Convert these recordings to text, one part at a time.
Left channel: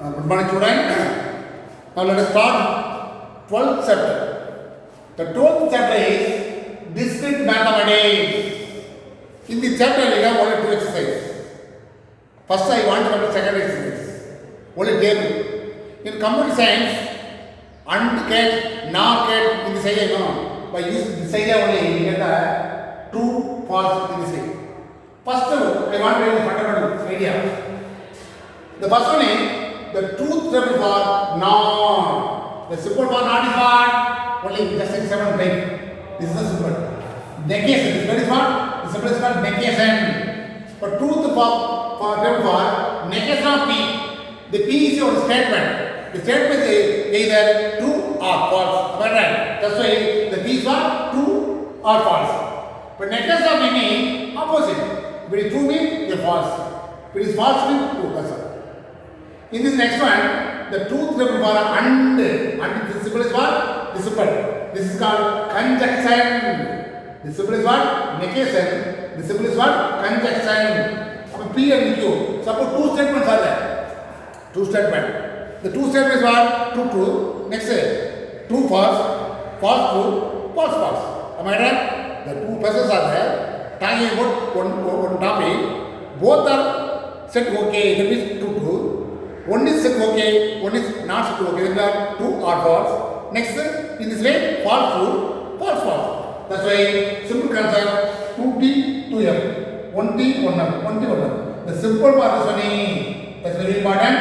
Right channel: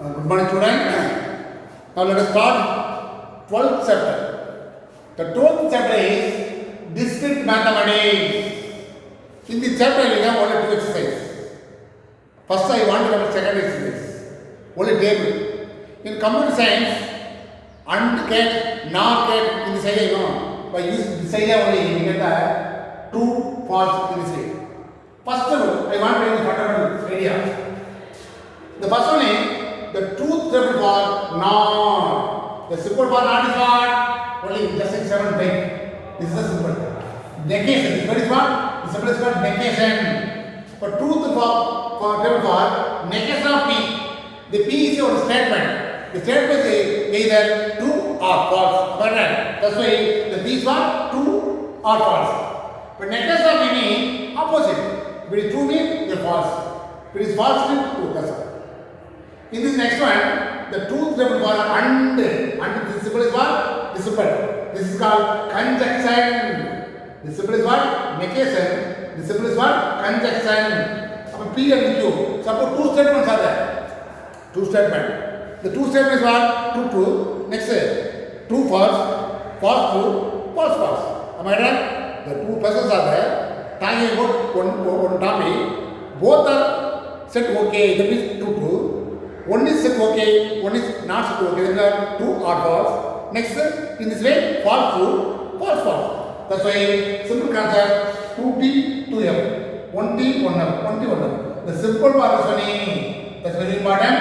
Good morning, students. Now let us start 12th chapter. The 12th chapter is discrete mathematics. In this chapter, we have only two exercises. First, I want to come to second exercise. Only table. In computer science, AND can, NOR can, in this idea, no. By using this idea only, we get the true, false in this way. First, I want to use the fundamental idea. The first one is the truth table for NOR. The symbol for NOR is what? Only just like 7 byte. This is the symbol. Negation. This is what? The symbol is called negation. For truth for table for negation of P. The P is your statement. The statement is either true or false. Am I right? That's why the P is what? True or false. But negation of P means opposite. If it is true means false. If it is false means true. That's all. In this next one, the truth table for AND. This symbol is what? This symbol. This is called conjunction. This symbol is what? Negation. This symbol is what? Conjunction. So P and Q. Suppose two statements are there. Two statements. The two statements are true, true. Next, true, false, false, true, false, false. Am I right? The two persons are there. Talking about one topic. Both are set okay. That means true, true. One is set okay, one is not set okay. These are true or false. Next, in this way, false true, false false. That's why simple concept 2T, 2F. 1T, 1F, 1T, 1F. The simple part is only, that's very important.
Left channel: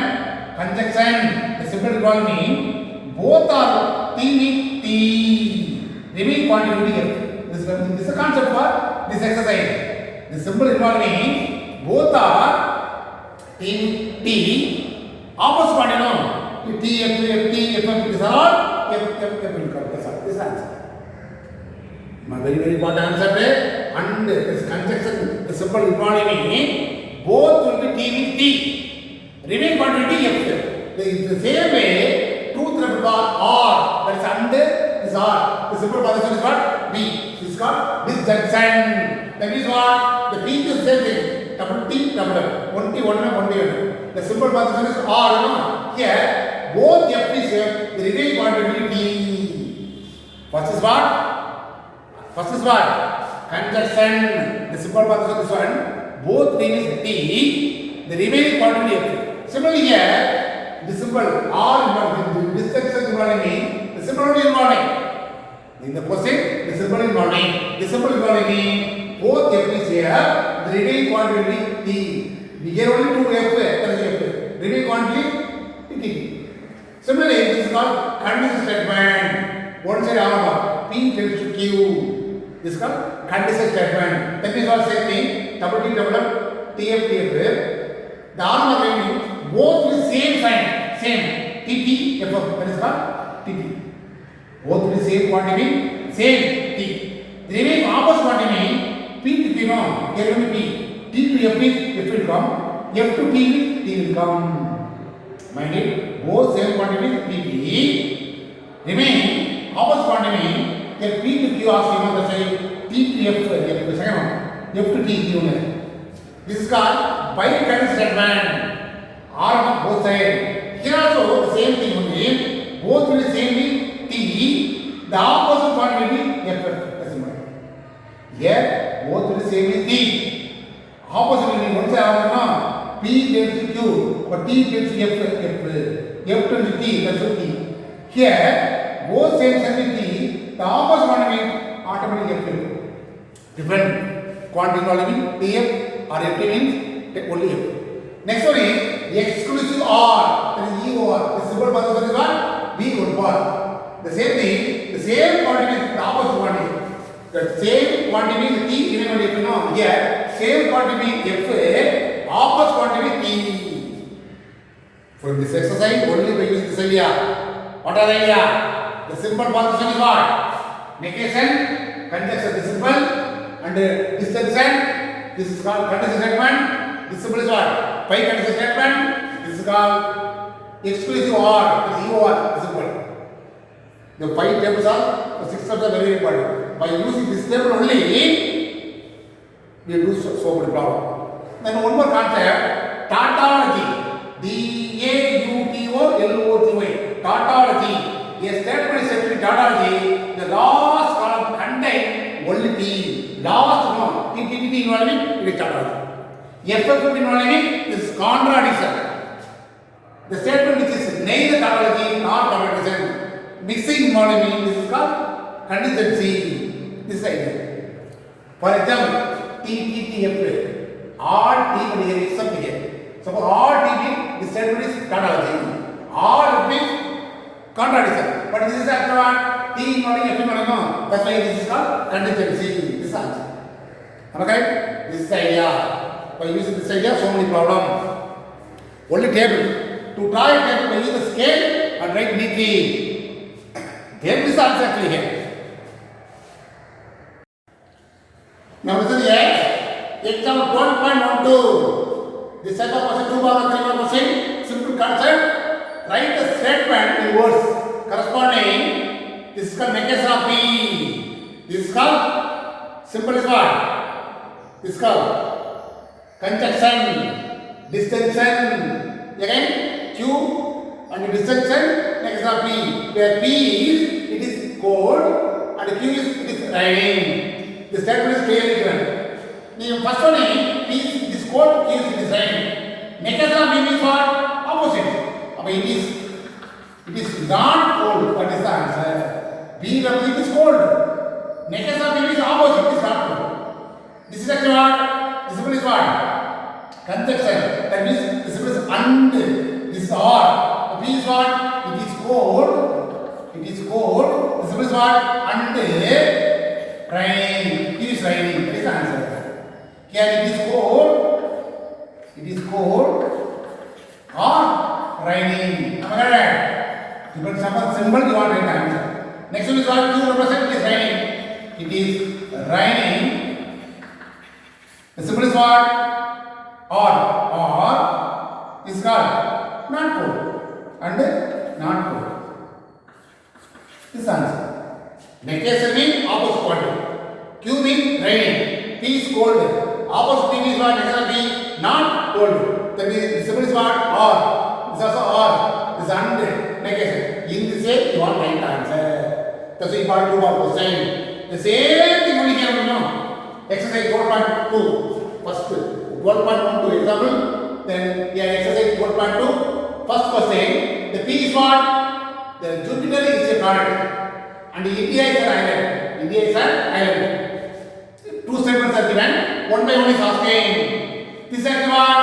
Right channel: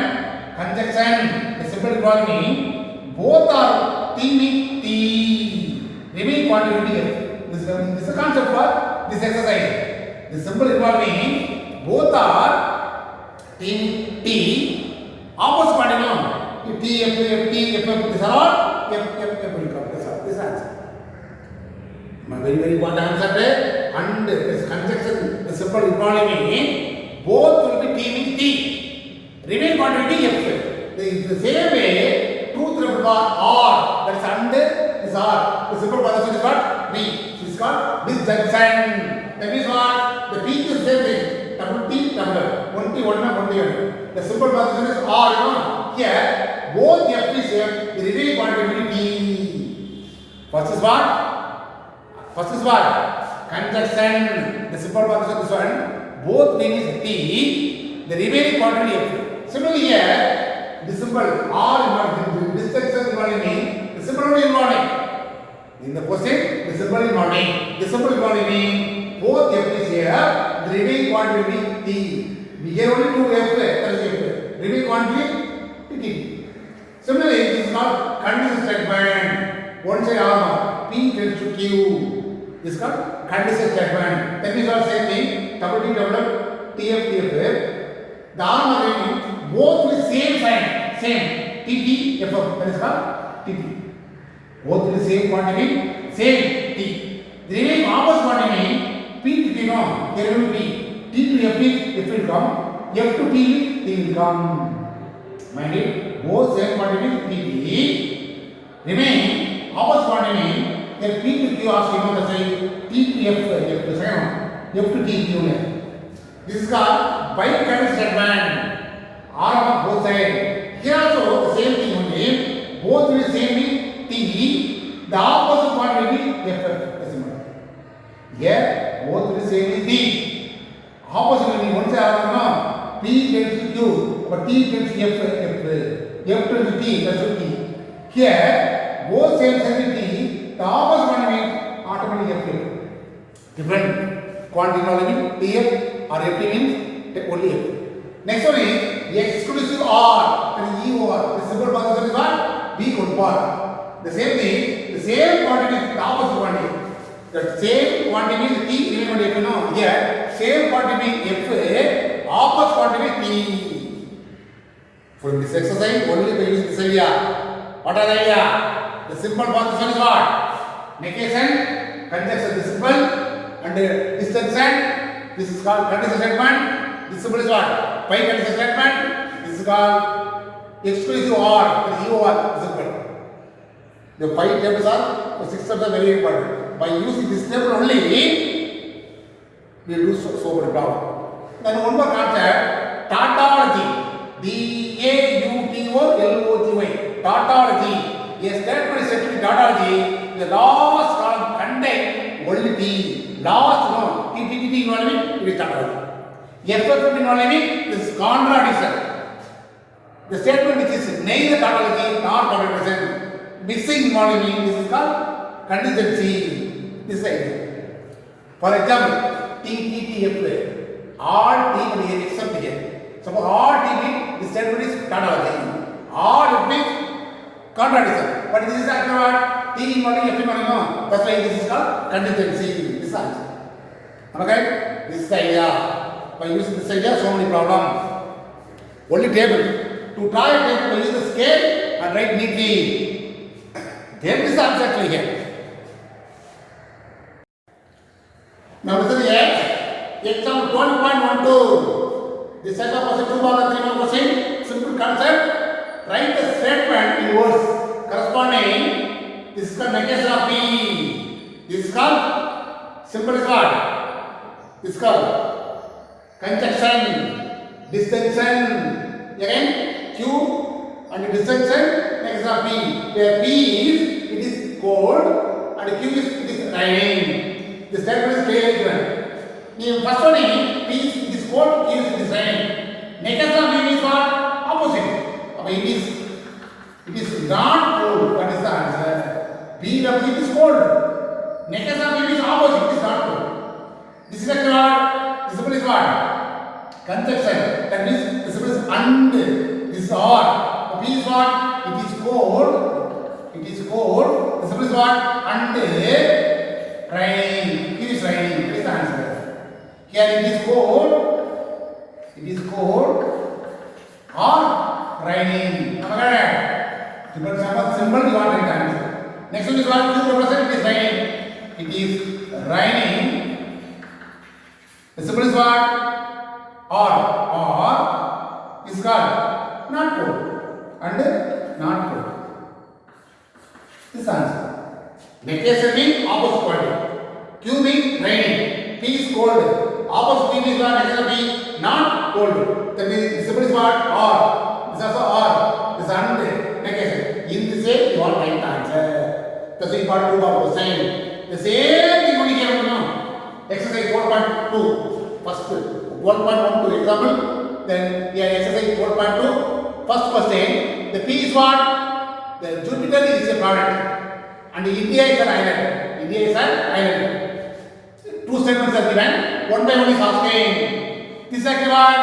Conjunction, the simple economy, both are T means T. Remaining quantity F. This is the concept for this exercise. The simple economy, both are T, T. Opposite quantity, no. T, F, F, T, F, F, these are all F, F, F will come. This answer. My very, very important answer is and this conjunction, the simple economy, both will be T means T. Remain quantity F. The same way, truth triple bar R, that is and this R. The simple position is what? B. This is called disjunction. That means what? The T is the same thing. Double T, double F. 1T, 1F, 1T, 1F. The simple position is R, you know. Here, both F is the remaining quantity T. First is what? First is what? Conjunction. The simple position is one. Both things is T. The remaining quantity F. Similarly here, the symbol R involving, this disjunction involving, the symbol only involving. In the question, the symbol involving. The symbol involving both F is here. The remaining quantity T. We get only two F, that is F. Remaining quantity T. Similarly, this is called condition statement. One side armor, P tends to Q. This is called condition statement. That means what same thing, double T, double F, TF, TF. The armor means both with same sign, same TT, FF. That is called TT. Both with same quantity, same T. The remaining opposite quantity, P to Q, no, here only P. T to F is F will come, F to T is T will come. Mind it, both same quantity T. Remain opposite quantity, if P to Q also, you know, that's why T to F, F, second one, F to T, Q. This is called bicondition statement. R on both sides. Here also the same thing only, both will same be T, the opposite quantity F. That's it. Here both will same is T. Opposite will be one side, P tends to Q, but T tends to F, F tends to T, that's what T. Here, both same sign T, the opposite one means automatically F. Different quantity only TF or FT means only F. Next one is exclusive OR, that is E over. The simple position is what? B over bar. The same thing, the same quantity, the opposite quantity. The same quantity T, even when you know, here, same quantity F, opposite quantity T. From this exercise, only by using this idea. What are the idea? The simple position is what? Negation, conjunction, the symbol, and disjunction. This is called condition statement. This symbol is what? Bicondition statement. This is called exclusive OR, that is E over, the symbol. The 5 tables are, the 6 tables are very important. By using this table only, we will do so much power. Then one more concept, tautology. DAUT tautology. A statement is said to be tautology. The last column contains only T. Last no. T involving it is tautology. Effective involving is contradiction. The statement which is neither tautology nor contradiction. Mixing involving this is called contingency. This idea. For example, TTTF. All T will here except here. Suppose all T this statement is tautology. All it means contradiction. But this is actually what T involving F involving. That's why this is called contingency. This answer. Okay? This is the idea. By using this idea, so many problems. Only table. To draw a table, use the scale and write neatly. Then this answer actually here. Now this is the example 12.12. This set of question 2 bar 3 bar question. Simple concept. Write a statement in words corresponding. This is called negation of P. This is called simple is what? This is called conjunction, distinction. Again, Q and distinction negation of P. Where P is it is cold and Q is it is raining. The statement is clearly given. The first one is cold, Q is raining. Negation of P means what? Opposite. It is not cold. What is the answer? B of P is cold. Negation of P is opposite. It is not cold. This is actually what? This is what? Conjunction. That means this is and. This is or. P is what? It is cold. It is cold. This is what? And rain. It is raining. That is the answer. Here it is cold. It is cold or raining. Okay. Symbol you want to answer. Next one is what? Q represent it is raining. It is raining. The symbol is what? Or is called not cold and not cold. This answer. Negation means opposite quantity. Q means raining. P is cold. Opposite means what? Negation P not cold. That means the symbol is what? Or. This is also or. This is and negation. In this way, you want right answer. That's why part 2 about question. The same thing only can you know. Exercise 12.2. First 12.12 example. Then yeah, exercise 12.2. First question. The P is what? The Jupiter is a planet. And India is an island. India is an island. Two statements are given. One by one is asking. This is actually what?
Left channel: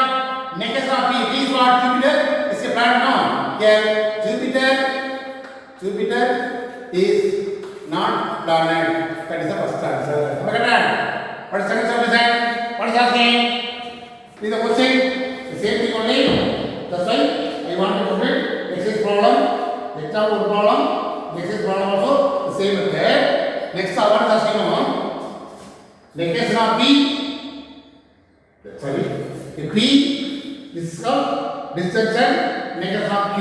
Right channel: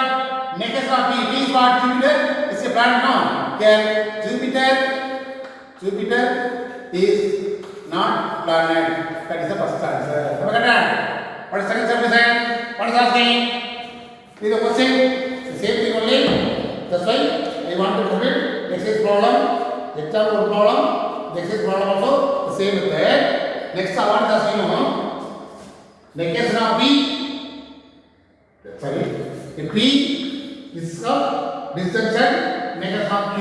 Negation of P. P is what? Jupiter is a planet. No. Here Jupiter is not planet. That is the first answer. What is the second subdivision? What is asking? Is the question the same thing only? That's why I want to complete exercise problem, example problem, exercise problem also the same method. Next, I want to ask you negation of P. Sorry, the P this is called distinction negation of Q.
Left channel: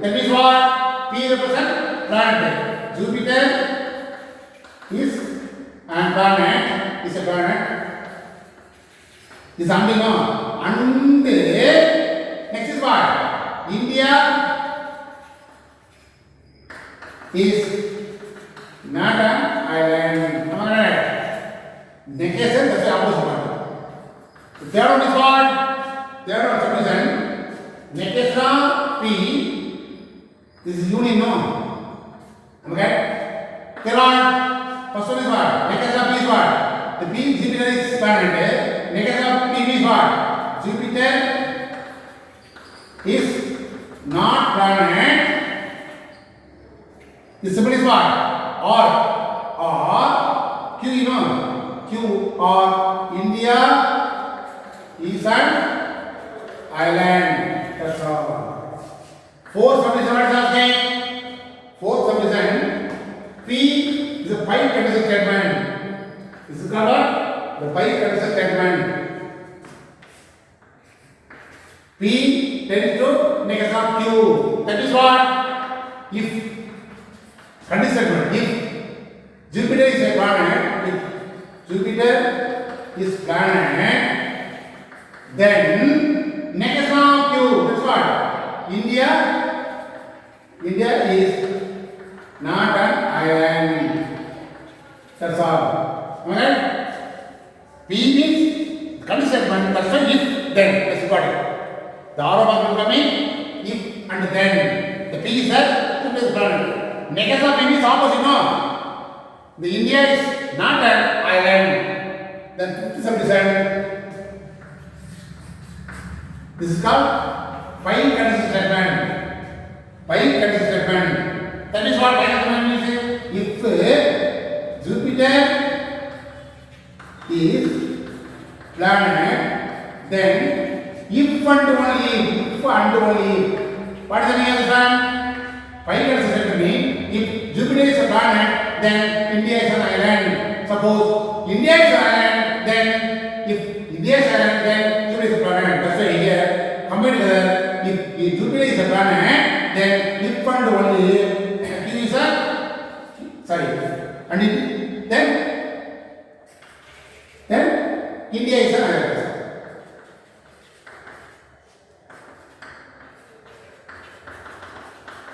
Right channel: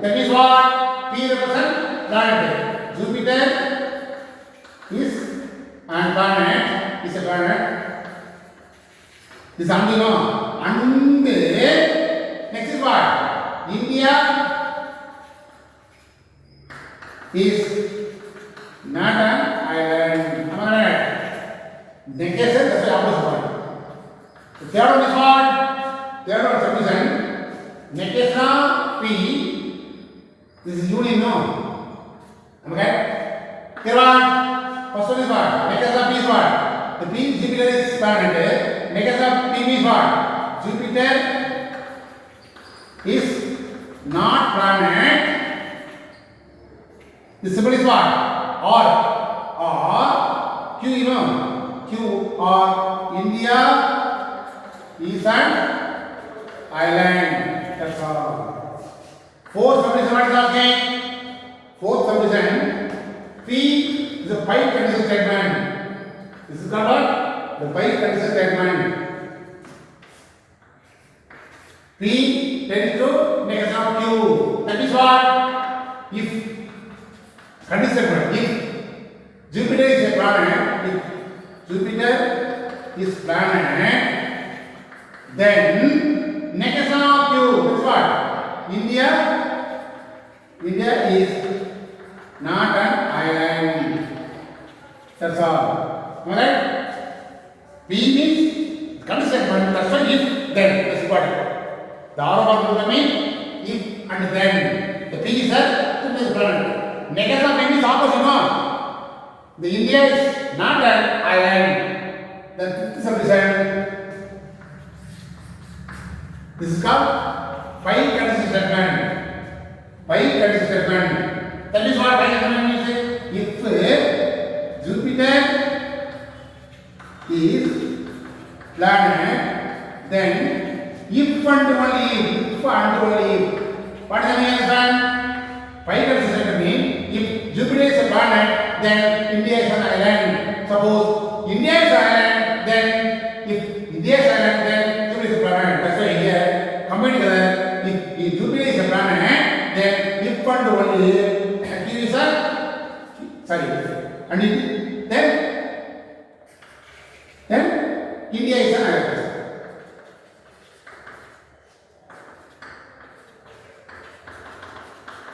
That means what? P represents planet. Jupiter is and planet is a planet. This is something more. And next is what? India is not an island. Am I right? Negation, that's the opposite one. The third one is what? Third one subdivision. Negation of P. This is union, no? Okay? Third one. First one is what? Negation of P is what? The P Jupiter is planet. Negation of P means what? Jupiter is not planet. The symbol is what? Or Q, you know. Q or India is an island. That's all. Fourth subdivision, what is asking? Fourth subdivision. P is a pi condition statement. This is called what? The pi condition statement. P tends to negation of Q. That is what? If condition statement. If Jupiter is a planet, if Jupiter is planet, then negation of Q. That's what? India India is not an island. That's all. Alright? P means condition statement. That's why if then. That's important. The arrow will come in if and then. The P is a two-phase planet. Negative of P is opposite. No. The India is not an island. Then 57%. This is called pi condition statement. Pi condition statement. That is what pi condition means. If Jupiter is planet, then if and only what is the meaning of the sun? Pi condition statement means if Jupiter is a planet, then India is an island. Suppose India is an island, then if India is an island, then Jupiter is a planet. That's why here combined together. If Jupiter is a planet, then if and only Q is a and then India is an island.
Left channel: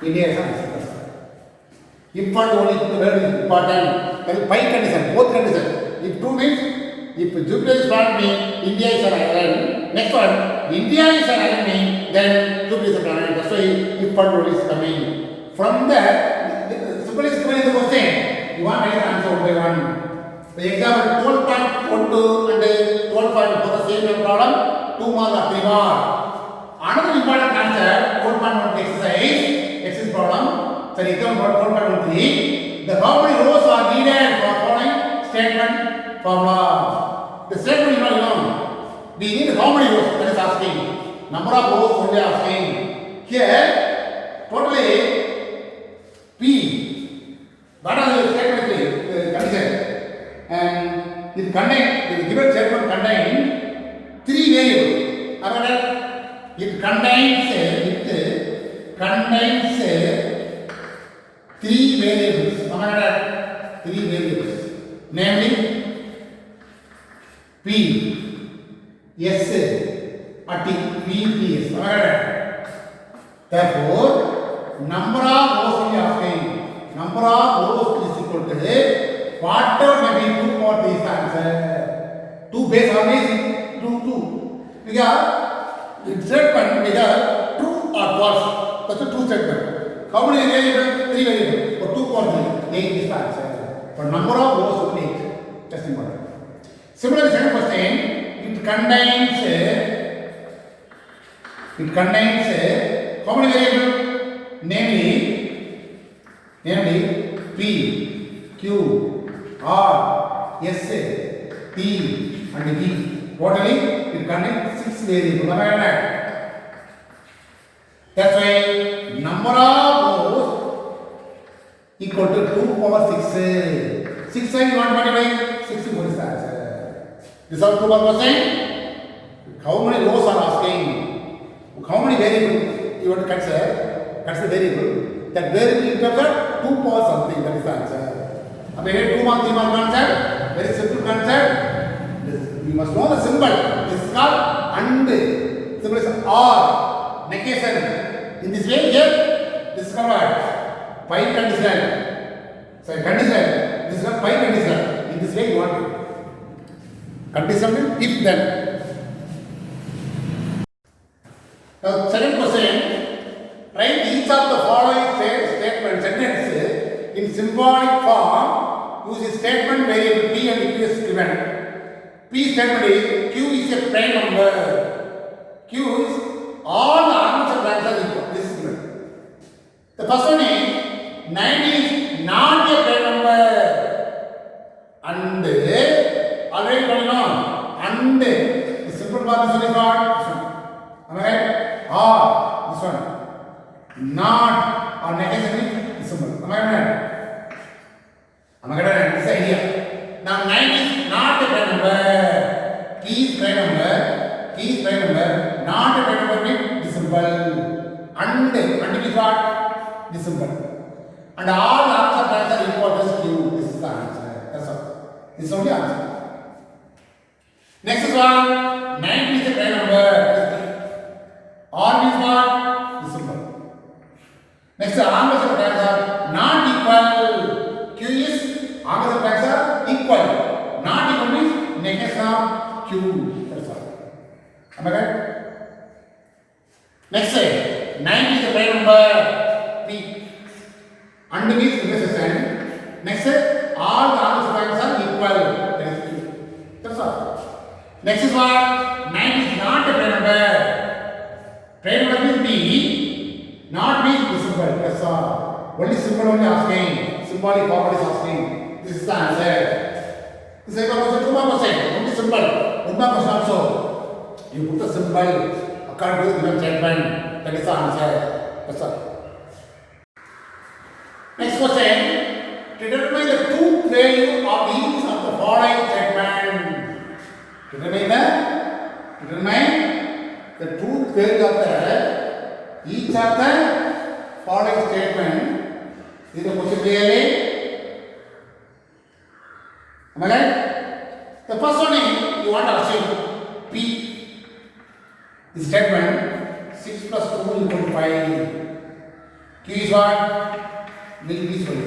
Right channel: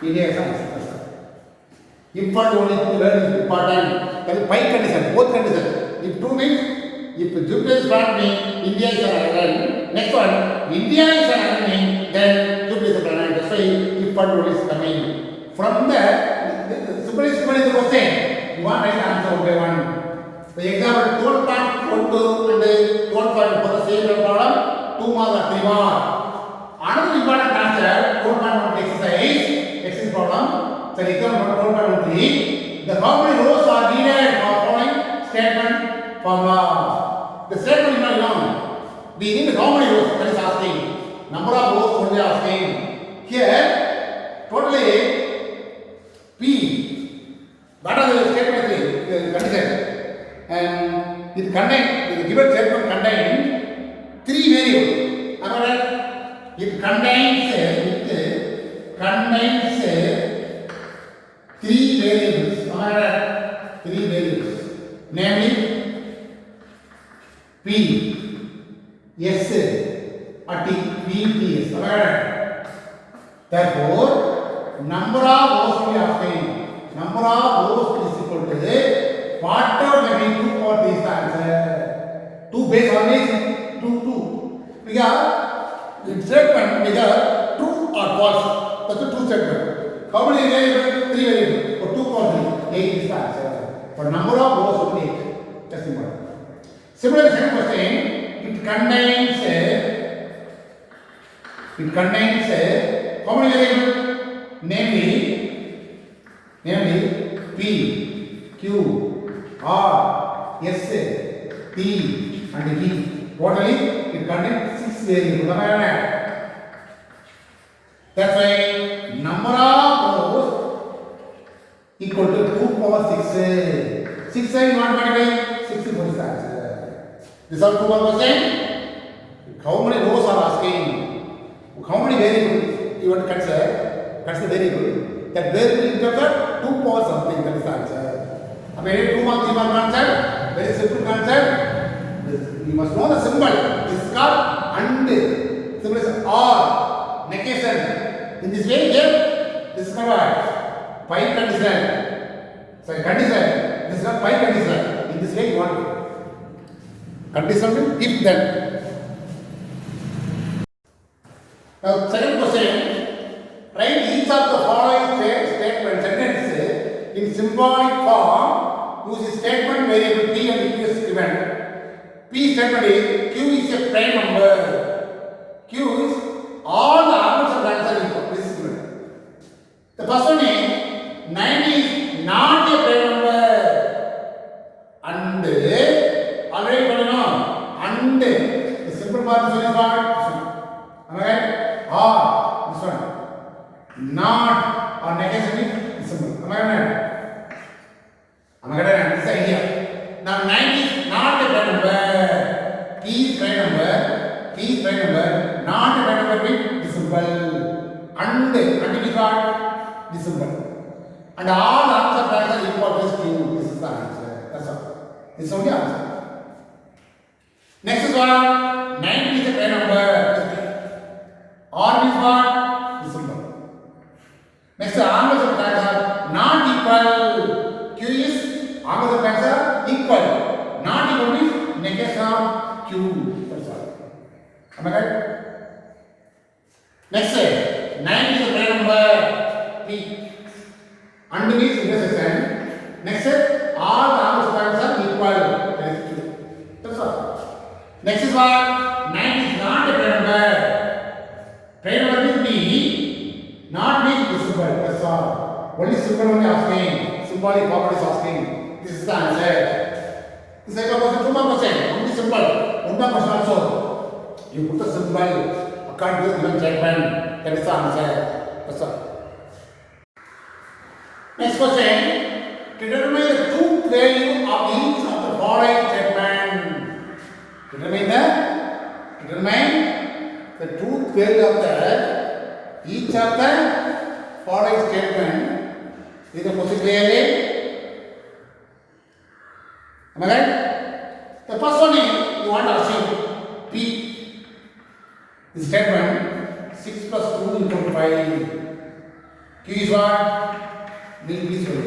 India is an island. If and only the word is important. Then pi condition, both conditions. If two means if Jupiter is planet means India is an island. Next one, India is an island means then Jupiter is a planet. That's why if and only is coming. From there, simple is given in the question. You want to answer one by one. The example 12.12 and 12.4 for the same problem, 2 marks or 3 marks. Another important answer, 12.1 exercise problem. The example 12.13. The how many rows are needed for following statement formula? The statement is not known. We need how many rows? That is asking. Number of rows only asking. Here, totally P. What are the statement condition? And it contains, the given statement contains 3 variables. It contains 3 variables. 3 variables. Namely, P, S, or T, P, T, S. Therefore, number of rows we are asking. Number of rows is equal to whatever may be 2 for this answer. 2 base always 2. Because in statement because true or false. That's a true statement. How many variables? 3 variables. For 2 for 3, 8 is the answer. But number of rows will be 8. That's important. Similarly, second question, it contains how many variables? Namely P, Q, R, S, T and E. Totally it contains 6 variables. That's why number of rows equal to 2 power 6. 6 side you want to multiply? 64 is the answer. This is all 2 power percent. How many rows are asking? How many variables you want to consider? Consider variable. That variable is better 2 power something. That is the answer. I mean, 2 mark, 3 mark concept. Very simple concept. We must know the symbol. This is called and. Symbol is or. Negation. In this way, here, this is called what? Pi condition. So, condition. This is called pi condition. In this way, you want it. Condition means if then. Now, second question. Write each of the following statement sentences in symbolic form using statement variable P and Q is given. P statement is Q is a prime number. Q is all the arguments of the answer is equal. This is given. The first one is 90 is not a prime number. And already got to know. And the simple part is only part. This one. Am I right? Or this one. Not or negation is symbol. Am I right? Am I right? This idea. Now 90 is not a prime number. P is prime number. P is prime number. Not a prime number with this symbol. And it is what? This symbol. And all the answers are equal to Q. This is the answer. That's all. This is only answer. Next is what? 90 is a prime number. R means what? This symbol. Next opposite terms are not equal. Q is opposite terms are equal. Not equal means negation of Q. That's all. Am I right? Next slide. 9 is the prime number P. And means intersection. Next slide. All the opposite terms are equal. That is Q. That's all. Next is what? 9 is not a prime number. Prime number means P. Not means visible. That's all. Only symbol only asking. Symbolic property is asking. This is the answer. This is also 2 more percent. Only symbol. 1 more percent also. You put the symbol according to the given statement. That is the answer. That's all. Next question. Determine the truth value of each of the following statement. Determine the truth value of each of the following statement. Is the question clearly? Am I right? The first one is you want to assume P. The statement 6 plus 2 equal to 5. Q is what? Milky Way.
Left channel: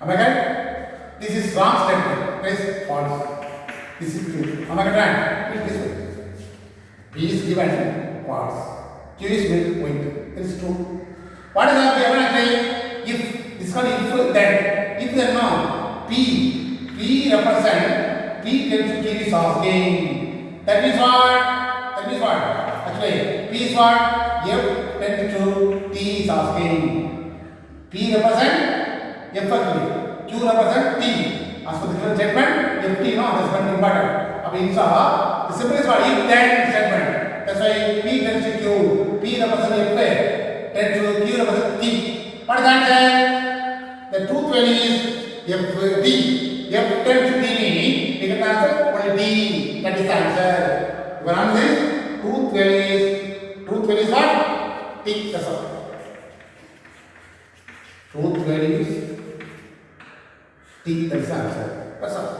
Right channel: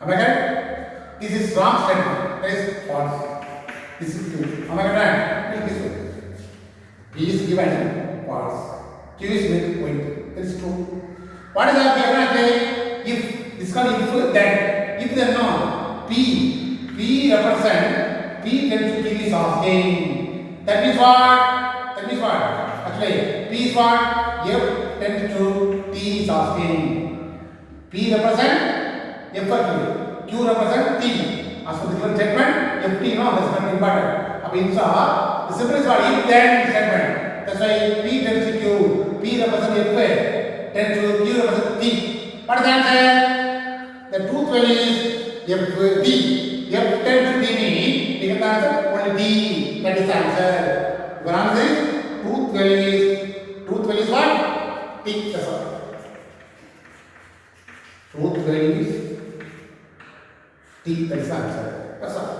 Am I right? This is wrong statement. That is false. This is true. Am I right? Milky Way. P is given false. Q is Milky Way. That is true. What is that? If this called if then. If then no. P represent P tends to Q is asking. That means what? Actually, P is what? F tends to T is asking. P represent F for Q. Q represent T. As per the given statement, FT no, that's very important. Up in the simple is what? If then statement. That's why P tends to Q. T represent F tends to Q represent T. What is the answer? The truth value is FD. F tends to T means you can answer only D. That is the answer. Your answer is truth value is what? T. That's all. Truth value is T. That is the answer. That's all.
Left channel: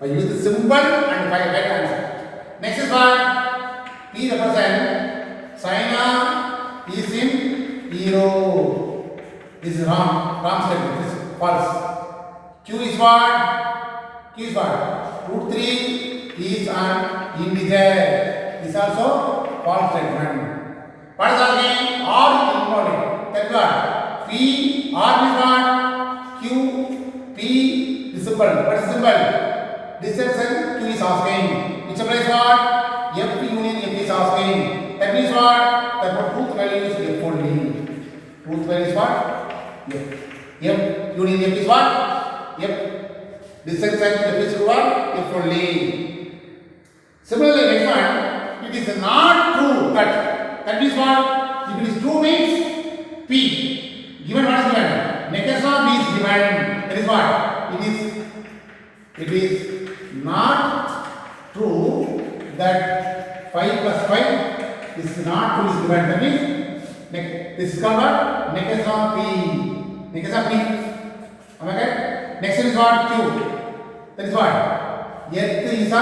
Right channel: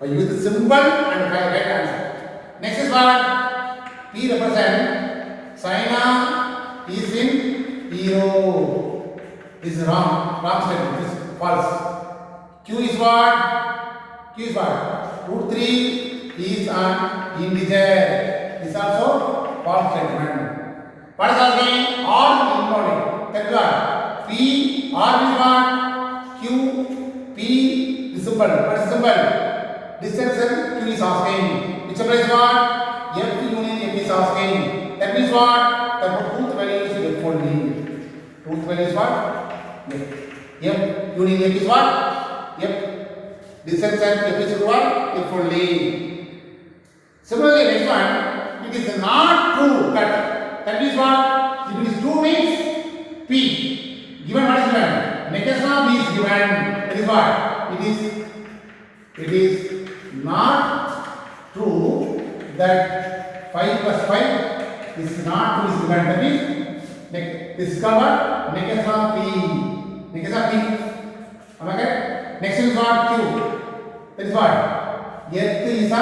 I use the symbol and I get answer. Next is what? P represent China is in hero. This is wrong statement. This is false. Q is what? Root 3 is an integer. This is also false statement. What is happening? R involved. That's what? P, R is what? Q, P, the symbol. What is the symbol? Distance and Q is asking. Which implies what? F union F is asking. That means what? The truth value is F only. Truth value is what? F union F is what? F. Distance and F is what? F only. Similarly, next one, it is not true that is what? If it is true means P. Given what is given? Negation of P is given. That is what? It is not true that 5 plus 5 is not true is given. That means this is called what? Negation of P. Negation of P. Am I right? Next is what? Q. That is what? Earth is a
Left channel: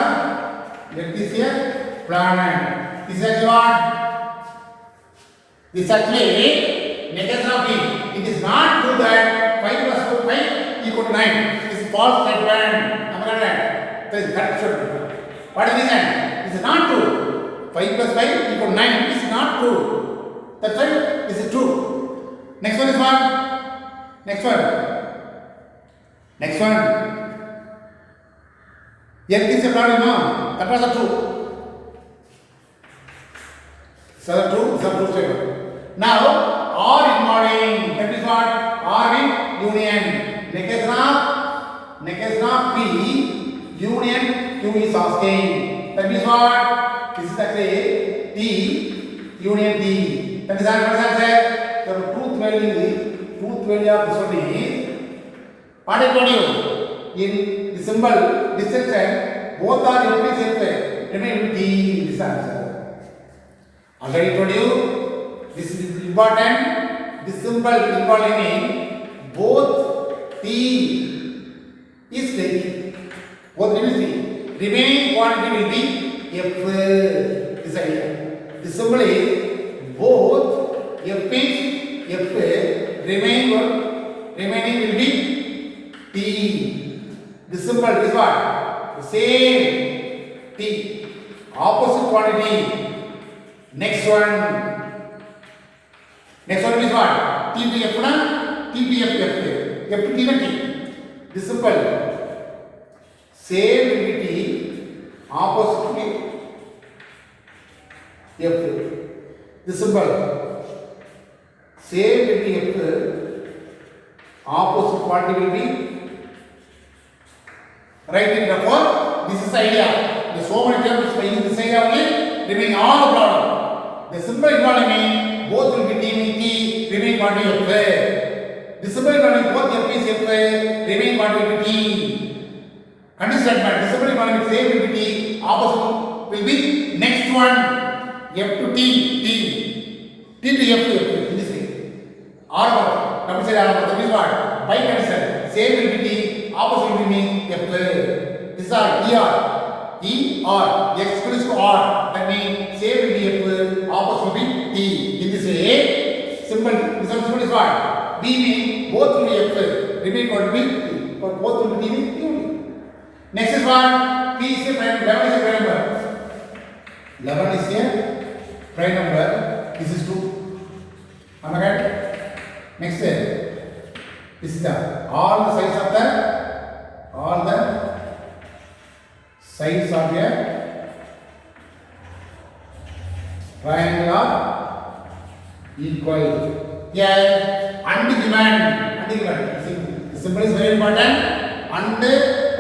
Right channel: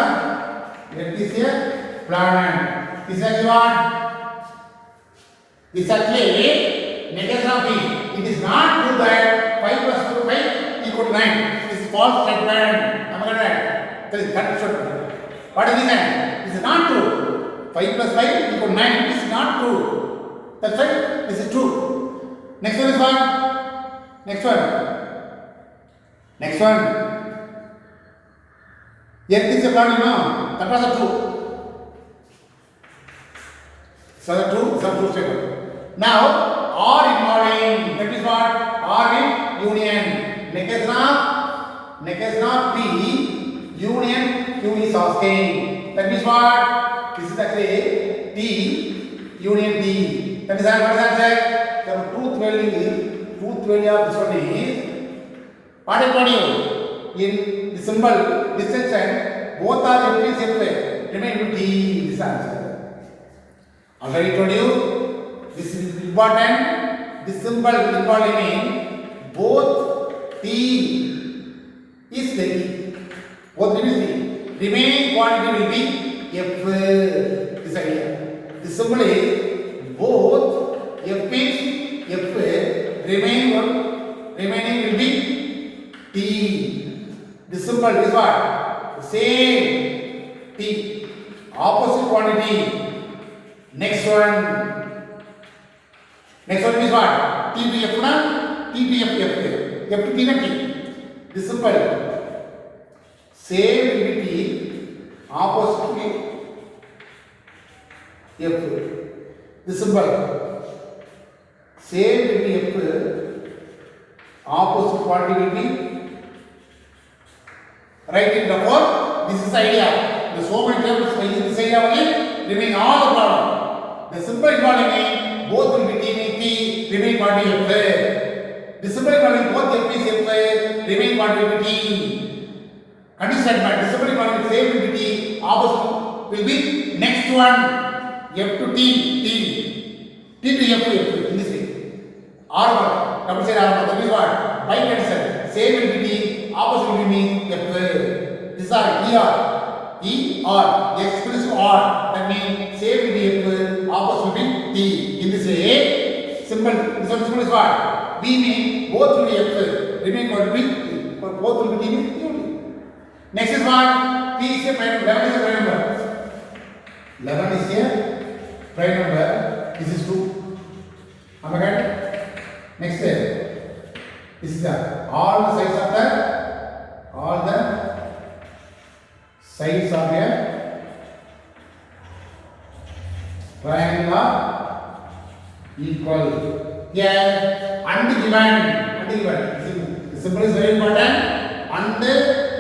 planet. This is actually what? This is actually negation of P. It is not true that 5 plus 5 equal to 9. This is false statement. Am I right? That is correct statement. What is this? This is not true. 5 plus 5 equal to 9. This is not true. That's right. This is true. Next one is what? Next one. Earth is a planet, no? That was a true. So the true statement. Now, R involving, that is what? R in union. Negation of P, union Q is asking. That means what? This is actually T, union T. That is what answer. The truth value of this one is, what I told you? In the symbol, distance and both are F is F. Remain to T is answer. Already told you, this is important. This symbol involved in both T is taking. Both T is T. Remaining quantity will be F. This idea. The symbol is both symbol is what? The same T. Opposite quantity. Next one is what? TPF na? TPF F. FT na T. This symbol. Same will be T. Opposite F. This symbol. Same will be F. Opposite quantity will be right. Therefore, this is the idea. The so many tables by using this idea only remain all the problem. The simple economy both will be T with T, remain quantity F. The simple economy both F is F, remain quantity will be T. Condition statement. The simple economy same will be T, opposite will be next one F to T, T to F to F in this way. R double side R that is what? By cancel. Same will be T, opposite will be F. This are ER. ER. X equals to R. That means same will be F, opposite will be T. In this way, symbol. This one symbol is what? B means both will be F. Remain what will be T. But both will be T with T only. Next is what? P is a prime. 11 is a prime number. 11 is a prime number. This is 2. Am I right? Next, this is all the sides of the triangle are equal. Here, ungiven. The symbol is very important. And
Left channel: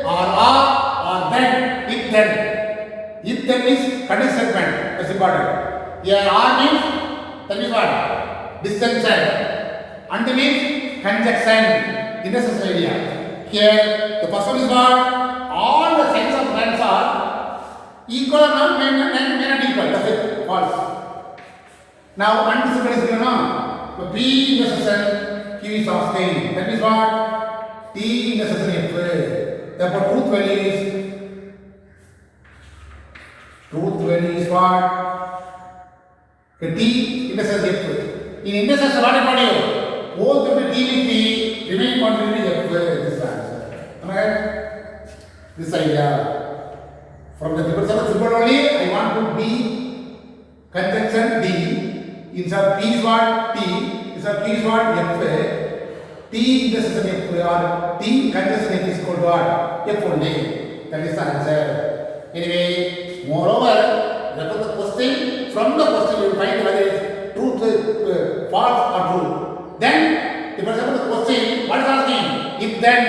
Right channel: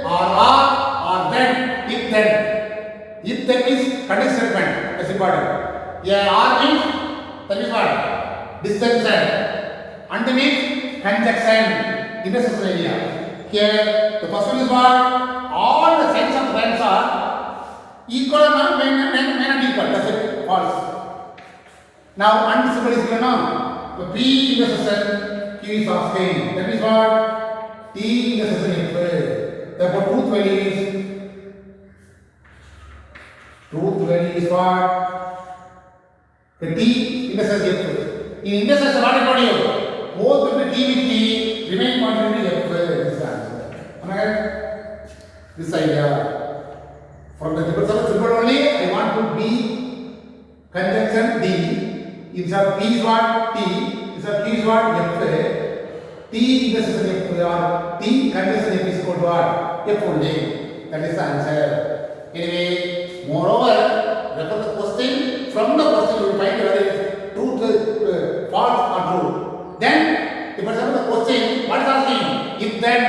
or then, if then. If then means condition statement. That's important. Here, R means that is what? Disjunction. And means conjunction. Intersection area. Here, the first one is what? All the sides of triangles are equal or not? May not equal. That's it. False. Now, and symbol is given now. So, P intersection Q is asking. That means what? T intersection F. Therefore, truth value is what? The T intersection F. In intersection, what is you? Both will be T with T, remain quantity F. This is the answer. Am I right? This idea. From the symbol only, I want to B conjunction D. Instead of P is what? T. Instead of Q is what? F. T intersection F or T conjunction F is equal to what? F only. That is the answer. Anyway, moreover, refer the question. From the question, you will find whether it is truth, false or true. Then, if for example the question, what is asking? If then,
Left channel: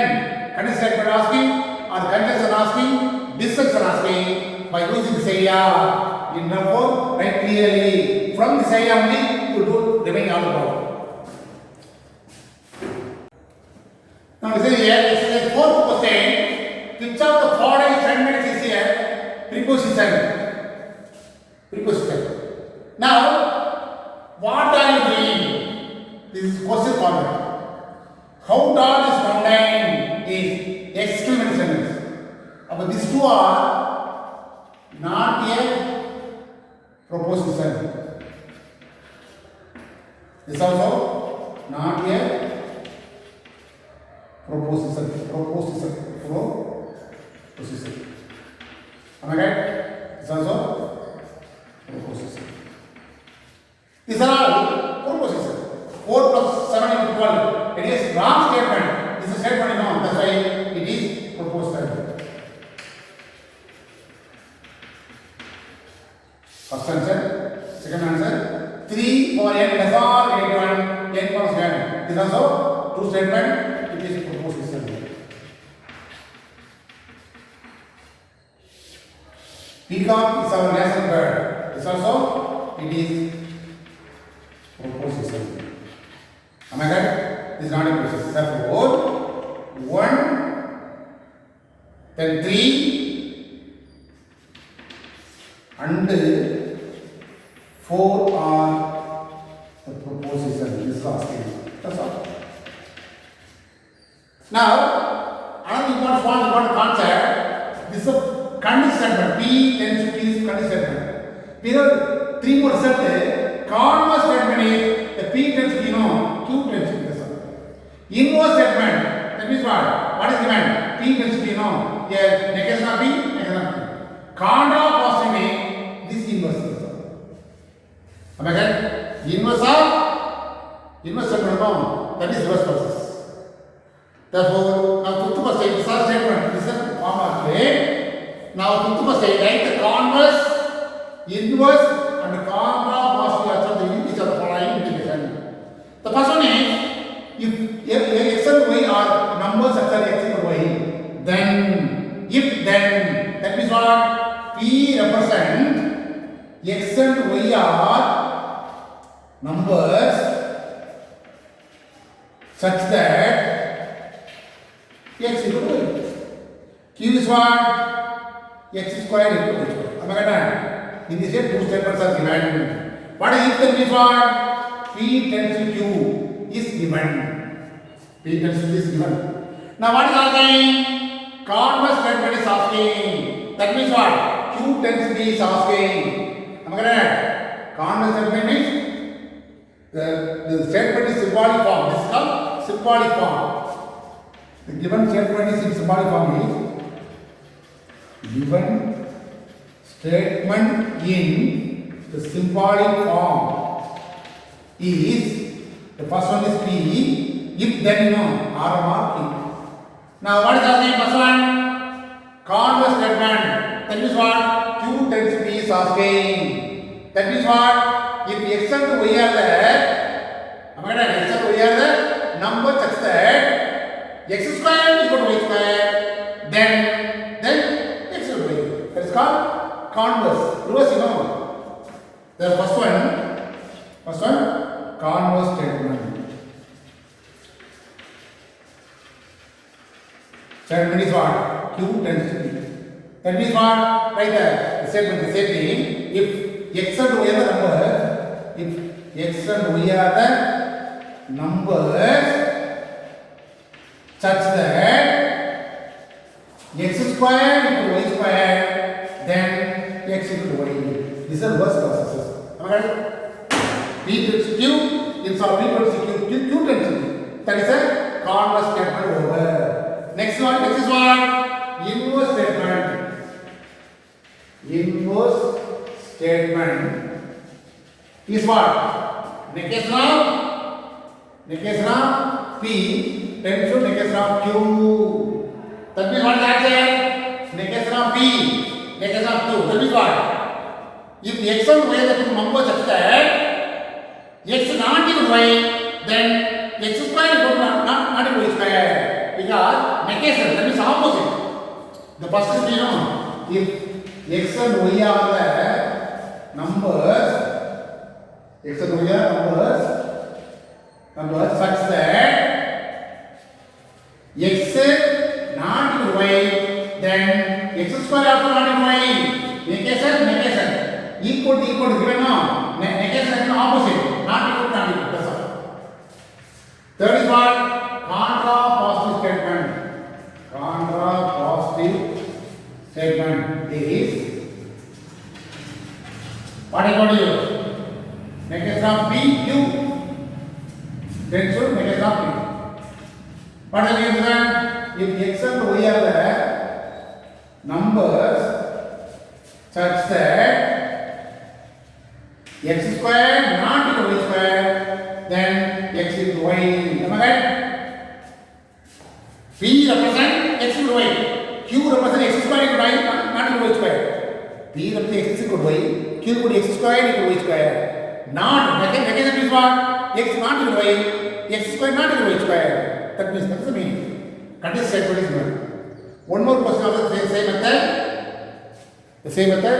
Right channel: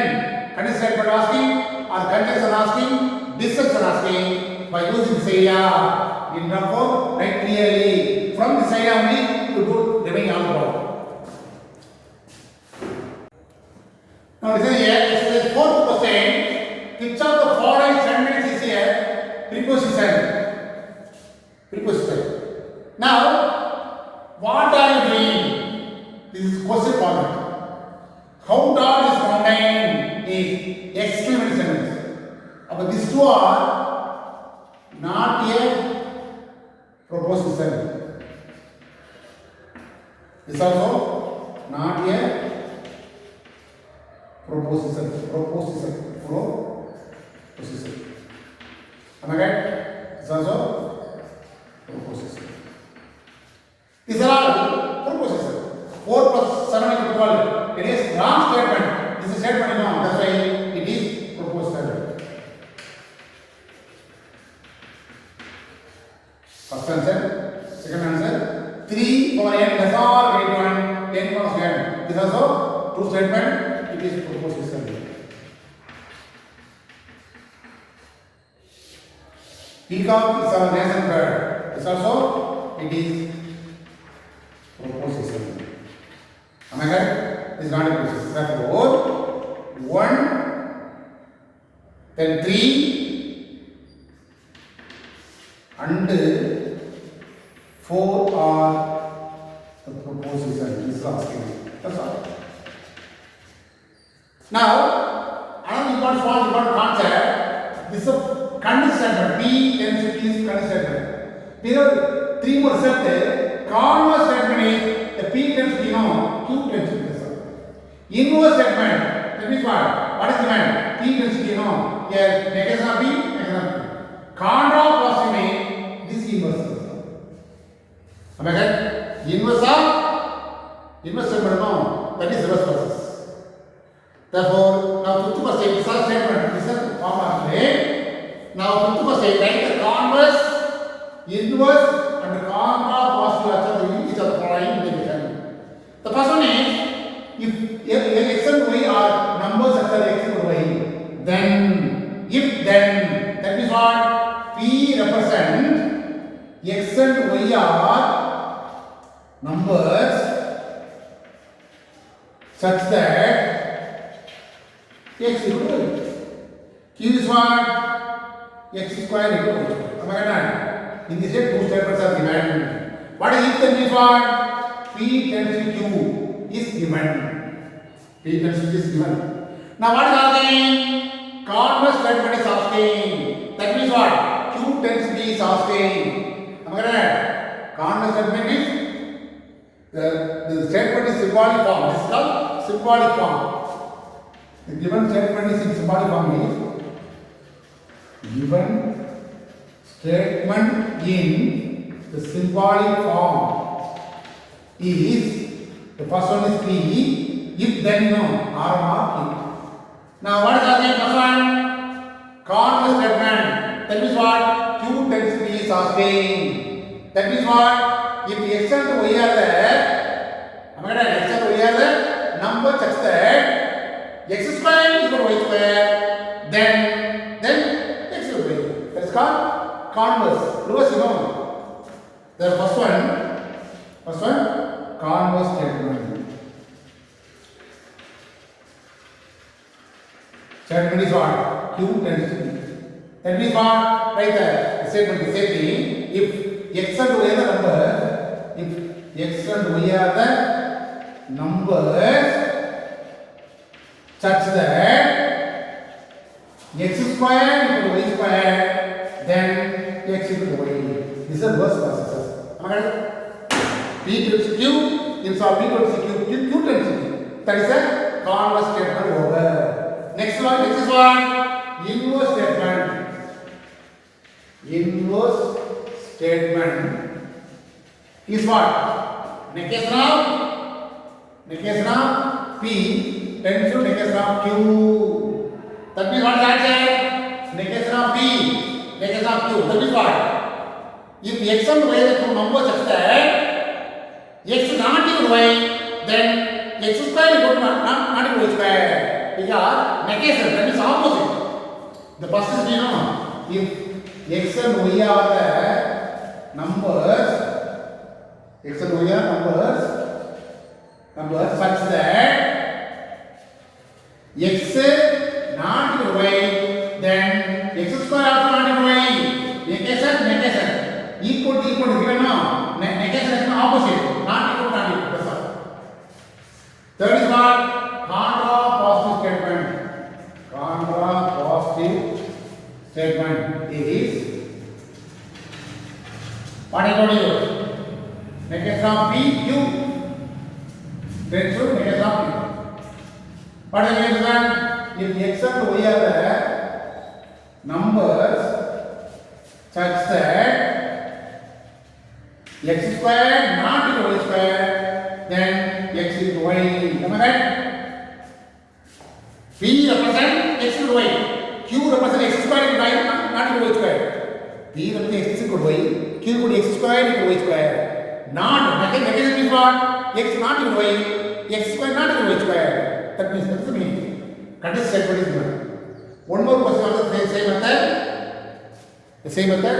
condition statement asking, or conjunction asking, disjunction asking, by using this area, in therefore, write clearly. From this area only, you do remaining all the problem. Now, listen here, exercise 4th question. Which of the following sentences is here? Preposition. Now, what are you doing? This is question format. How tall is mountain is exclamation. But these two are not a proposition. This also not a proposition. Am I right? This also proposition. These are all proposition. 4 plus 7 is 12. It is wrong statement. This is statement is wrong. That's why it is proposition. First answer. Second answer. 3 over n less or greater than n plus n. This is also true statement. It is proposition. Peacock is our national bird. This also it is proposition. Am I right? This is not a proposition. Therefore, 1, then 3, and 4 are the proposition. This is asking. That's all. Now, another important concept. This is a condition statement. P tends to be condition statement. Because 3 more result. Converse statement is the P tends to be Q tends to be inverse statement. That means what? What is given? P tends to be Here, negation of B, negation of P. Contra positive means this inverse. Am I correct? Inverse of inverse statement, that is reverse process. Therefore, now fifth question is a statement. This is the form of it. Now fifth question, write the converse, inverse, and contra positive are the each of the following integration. The first one is if x and y are numbers such as x and y, then that means what? P represent x and y are numbers such that x equal to y. Q is what? X square equal to y. Am I correct? In this way, two statements are given. What is if then is what? P tends to Q is given. P tends to is given. Now what is asking? Converse statement is asking. That means what? Q tends to is asking. Am I correct? Converse statement is the statement is symbolic form. This is called symbolic form. The given statement is in symbolic form is given statement in the symbolic form is the first one is P. If then you know R mark Q. Now what is the first one? Converse statement. That means what? Q tends to be is asking. That means what? If x and y are there, am I right? X and y are the number such that x square equal to y square, then x equal to y. That is called converse. Reverse, you know. The first one, converse statement. Statement is what? Q tends to be. That means what? Right there. The statement is same thing. If x and y are the numbers, if x and y are the numbers such that x square equal to y square, then x equal to y. These are reverse processes. Okay? P tends to Q, inside P tends to Q tends to P. That is a converse statement over. Next one, this is what? Inverse statement. Inverse statement is what? Negation of P tends to negation of Q. That means what is that say? Negation of P, negation of Q. That means what? If x and y are the two numbers such that x not equal to y, then x square is not equal to y square. Because negation, that means opposite. The first is you know, if x and y are the numbers, x and y are numbers such that x not equal to y, then x square also not equal to y. Negation, equal to given no. Negation is opposite, not equal. That's all. Third is what? Contra positive statement. Contra positive statement is what I told you. Negation of P, Q tends to negation of Q. What is the reason? If x and y are the numbers such that x square not equal to y square, then x equal to y. Am I right? P represent x equal to y. Q represent x square equal to y, not equal to y square. P represent x equal to y. Q equal to x square equal to y square. Not negation means what? X not equal to y. X square not equal to y square. That means that's the meaning. Conditional statement is given. One more question of the same method. The same method.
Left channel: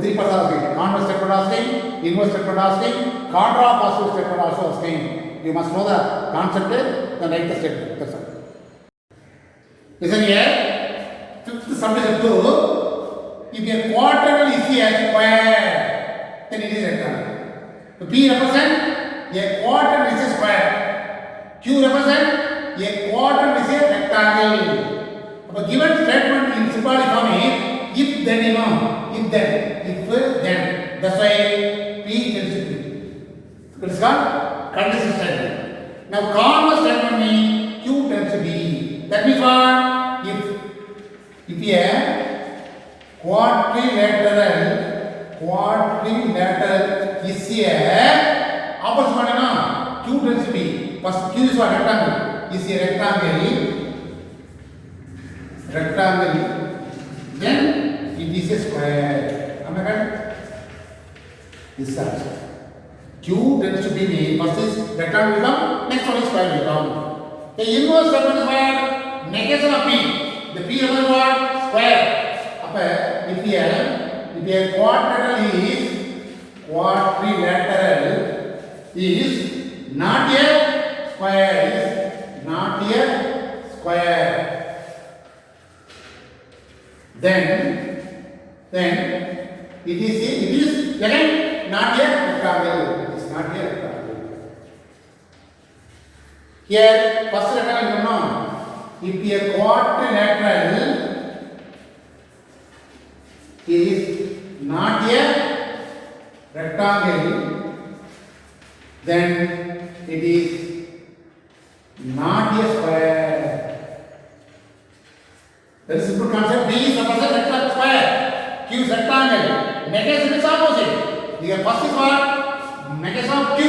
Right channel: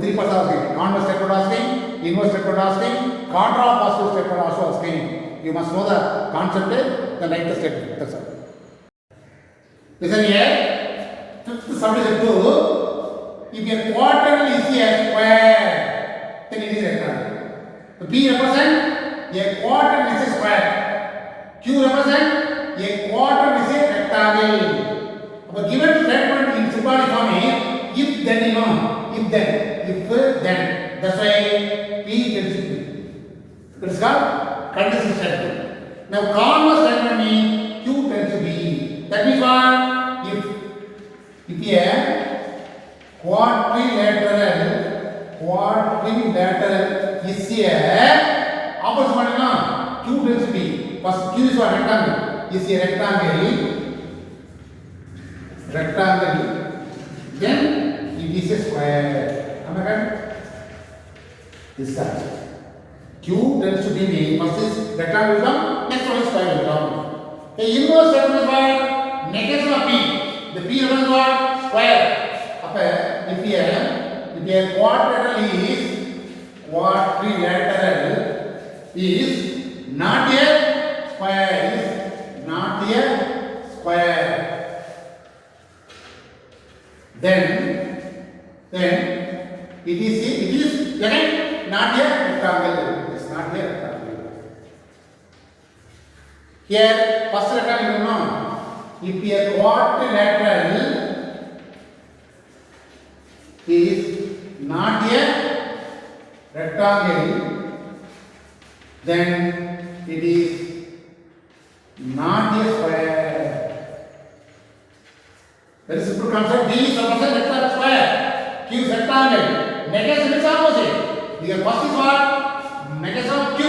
Three parts are asking. Converse statement asking, inverse statement asking, contra positive statement also asking. You must know the concept, then write the statement. That's all. Listen here. Fifth subdivision 2. If a quadrant is a square, then it is rectangle. So P represent a quadrant is a square. Q represent a quadrant is a rectangle. The given statement in symbolic form is if then you know, if then. That's why P tends to Q. That is called conditional statement. Now converse statement means Q tends to B. That means what? If If a quadrilateral is a opposite பண்ணேனா Q tends to be first Q is a rectangle is a rectangle then it is a square. Am I right? This is Q tends to be the first is rectangle will come, next one is square will come. The inverse segment is what? Negation of P. The P represents what? Square. If a quadrilateral is not a square, then it is again not a rectangle. It is not a rectangle. Here first rectangle you know, if a quadrilateral is not a rectangle, then it is not a square. Very simple concept. B is represent rectangle square. Q is rectangle. Negation is opposite. The first is what? Negation of Q.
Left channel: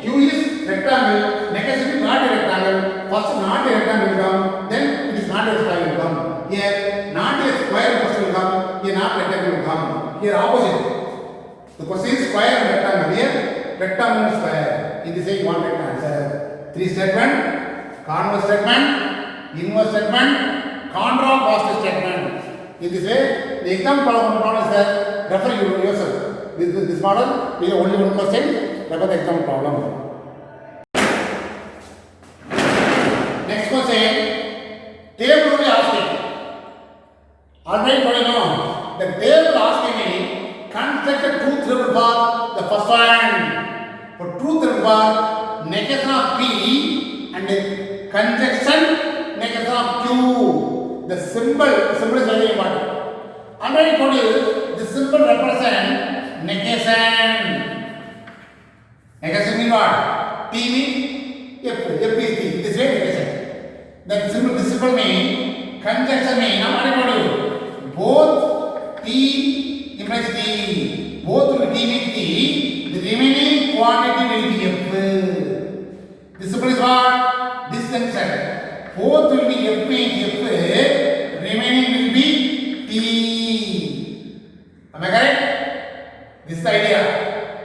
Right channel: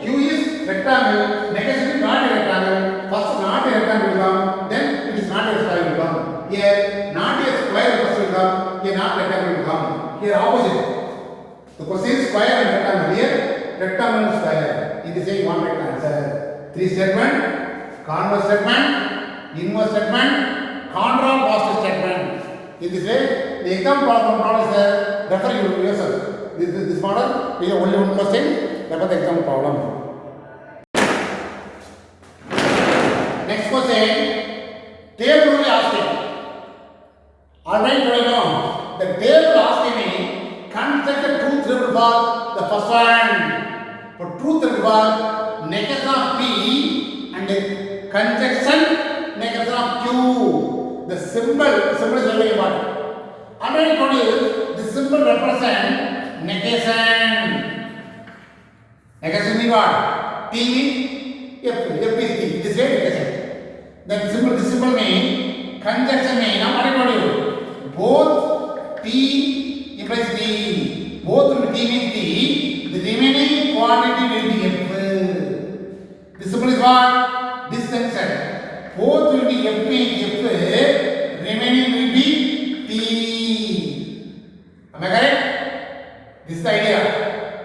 Q is rectangle. Negation is not a rectangle. First not a rectangle will come. Then it is not a square will come. Here not a square first will come. Here not rectangle will come. Here opposite. The question is square and rectangle. Here rectangle and square. It is saying one right answer. Three statement. Converse statement. Inverse statement. Contrapositive statement. In this way, the exam problem is there. Refer yourself. This model, we have only one question. That was the exam problem. Next question. Table only asking. Already you know. The table asking me construct a truth table for the first one. For truth table for negation of P and conjunction negation of Q. The symbol is very important. Already told you this symbol represents negation. Negation means what? T means F is T. This way negation. That symbol, this symbol means conjunction means. I already told you both T implies T. Both will T means T. The remaining quantity will be F. This symbol is what? Disjunction. Both will be F means F. Remaining will be T. Am I correct? This is the idea.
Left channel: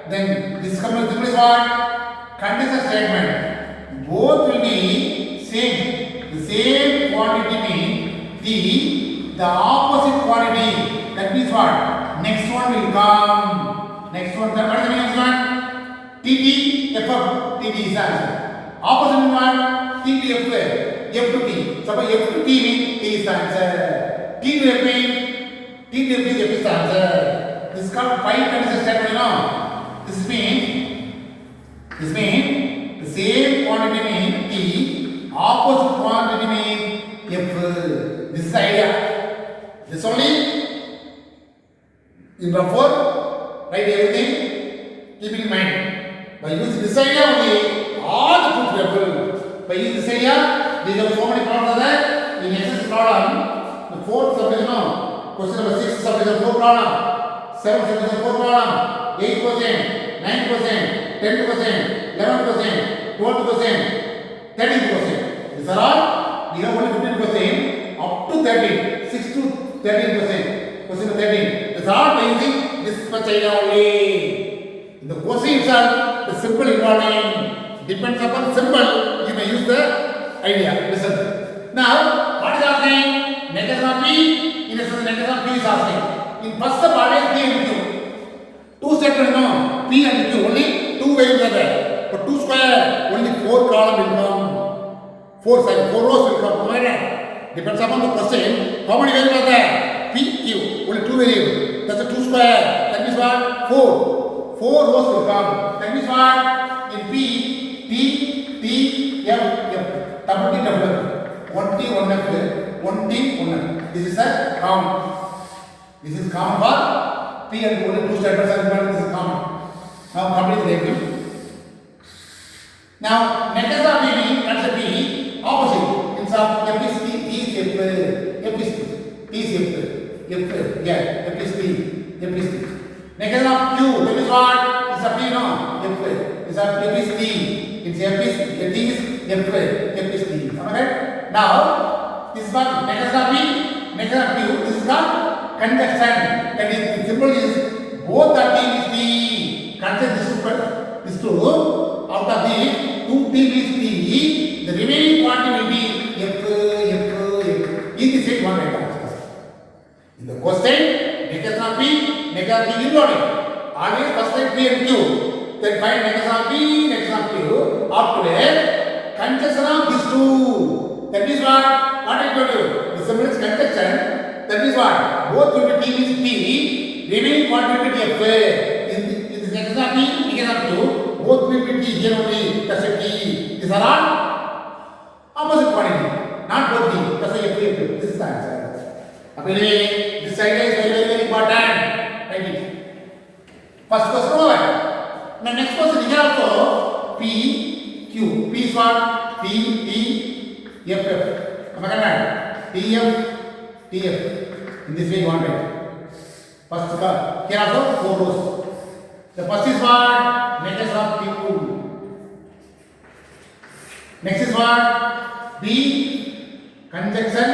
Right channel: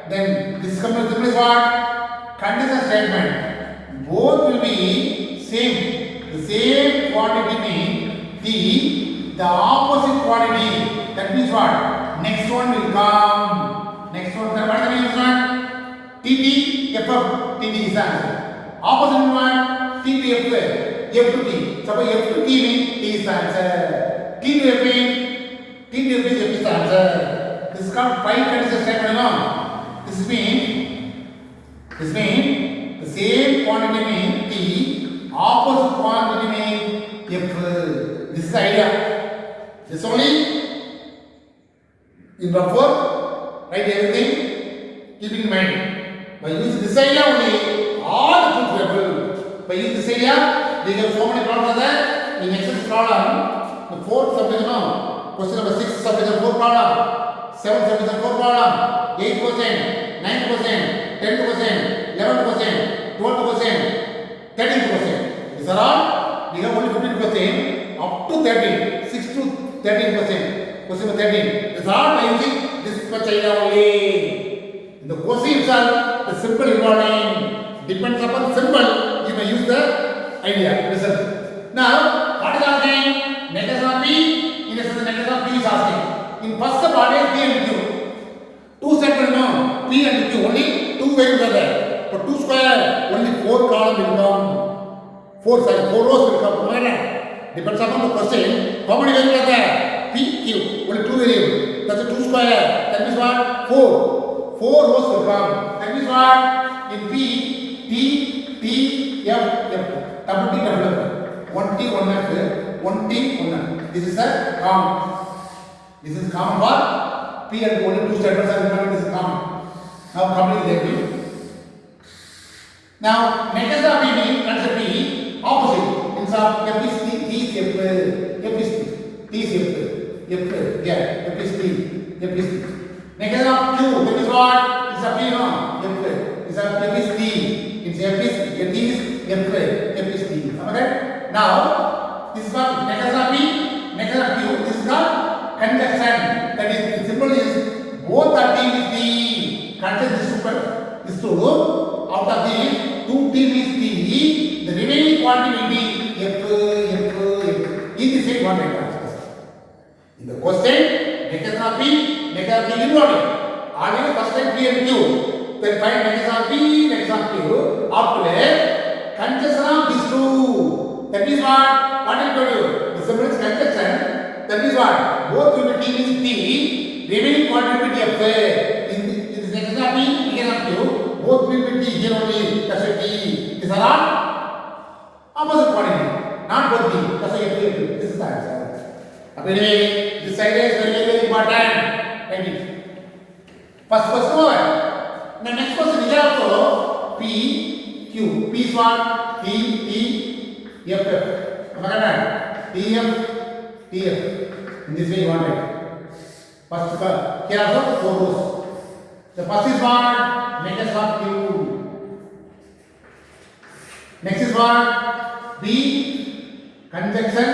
Then this symbol is what? Conditional statement. Both will be same. The same quantity means T. The opposite quantity. That means what? Next one will come. Next one. What is the next one? TT, FF. TT is answer. Opposite means what? TT, FF. F to T. Suppose F to T means T is the answer. T to F means F is the answer. This is called biconditional statement. No? This means the same quantity means T, opposite quantity means F. This is the idea. This only in rough form, write everything, keep it in mind. By using this idea only, all the truth level. By using this idea, we have so many problems there. In exercise problem, the fourth subject now, question number 6 subject 4 problem, 7 subject 4 problem, 8 question, 9 question, 10 question, 11 question, 12 question, 13 question. These are all, we have only 15 question, up to 13, 6 to 13 question, question number 13. These are all by using this much idea only. In the question itself, the symbol involving depends upon symbol, you may use the idea, result. Now, what is asking? Negation of P, in essence, negation of P is asking. In first step, always P and Q. Two sets will know, P and Q, only two values are there. For 2 square, only 4 columns will come. 4 rows will come. Depends upon the question. How many values are there? P, Q, only 2 variables. That's a 2 square. That means what? 4. 4 rows will come. That means what? In P, T, F. Double T, double F. 1 T, 1 F. 1 T, 1 F. This is the common. This is common for P and only 2 statements are involved. This is common. Now complete the P. Now negation of P means that's a P opposite. Instead of F is T, T is F. F is T, T is F. negation of Q, that is what? It's a P, no? F. It's a F is T. It's F is T is F. F is T. Am I right? Now, this is what? Negation of P, negation of Q. This is called conjunction. That is, the symbol is both the T is T. Conjunction this two. Out of these, two T is T. The remaining quantity will be F. Is the same one item. In the question, negation of P, negation of Q involved. Already first time P and Q. Then find negation of P, negation of Q. After that, conjunction of these two. That means what? What I told you? The symbol is conjunction. That means what? Both will be T means T. Remaining quantity will be F. In the negation of P, negation of Q, both will be T here only. That's a T. These are all opposite quantity. Not both T. That's a F. This is the answer. Anyway, this idea is very important. Thank you. First question over. Now next question is also P, Q. P is what? T, F. Am I correct? T, F. In this way you want it. First here also 4 rows. The first is what? Negation of Q. Next is what? P, conjunction.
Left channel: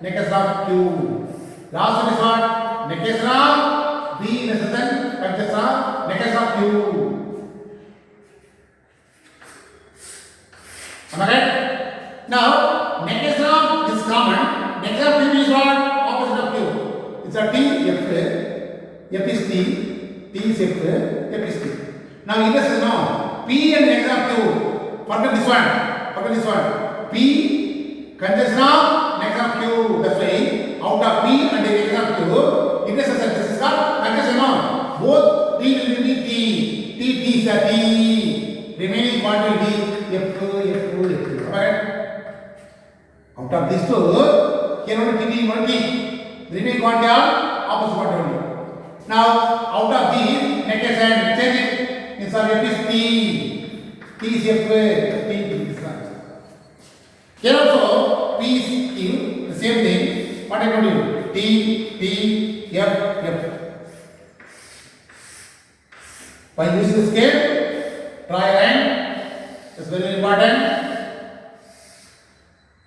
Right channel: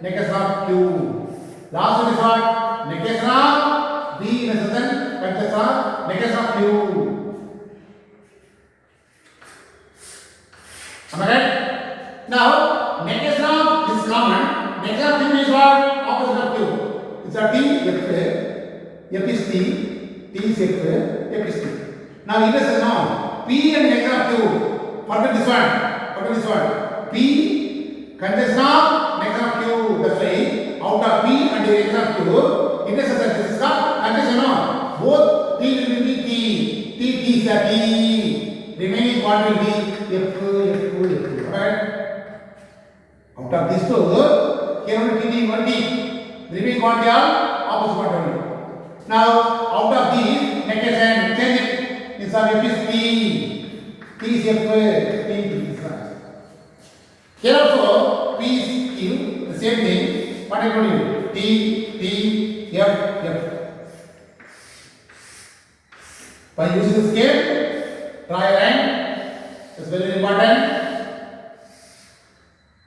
Negation of Q. Last one is what? Negation of B conjunction negation of Q. Am I right? Now, negation of is common. Negation of Q is what? Opposite of Q. It's a T, F. F is T. T is F. F is T. Now, in this is now P and negation of Q. Forget this one. P conjunction of negation of Q. That's why out of P and negation of Q, intersection. This is called conjunction of both T will be T. T is a T. Remaining quantity will be F. Alright. Out of these two, here only T is one T. Remaining quantity are opposite quantity only. Now out of these negation, change it. Instead of F is T. T is F. T is here also P is Q, the same thing. What I told you? T, F. By using the scale, draw a line. It's very important.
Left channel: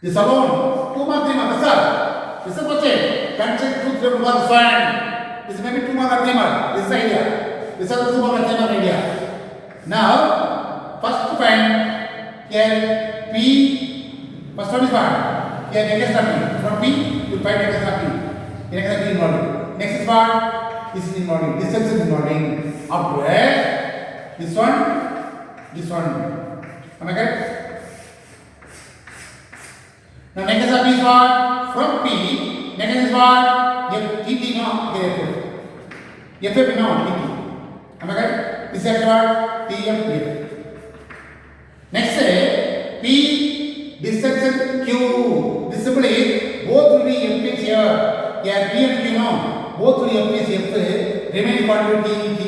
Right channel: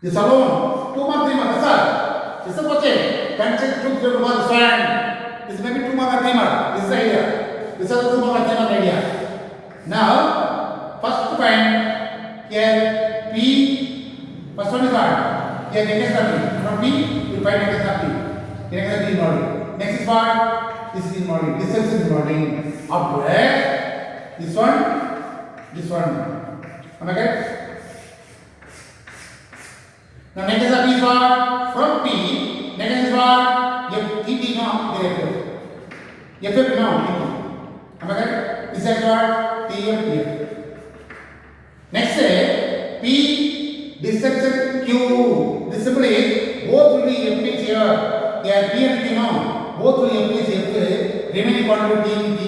This alone, 2 mark, 3 mark. That's all. This is the question. Concept 2 3 mark fine. This may be 2 mark or 3 mark. This is the idea. This is the 2 mark or 3 mark idea. Now, first to find here P. First one is what? Here negation of P. From P, you find negation of P. Negation of P involved. Next is what? This is involving. This is involving. After this one. Am I correct? Now negation of P is what? From P, negation is what? F, T, no, F, no, T. Am I correct? This is what? T, F. Next P, dissection Q. This symbol is both will be F is here. Here P and Q no. Both will be F is F. Remaining quantity T.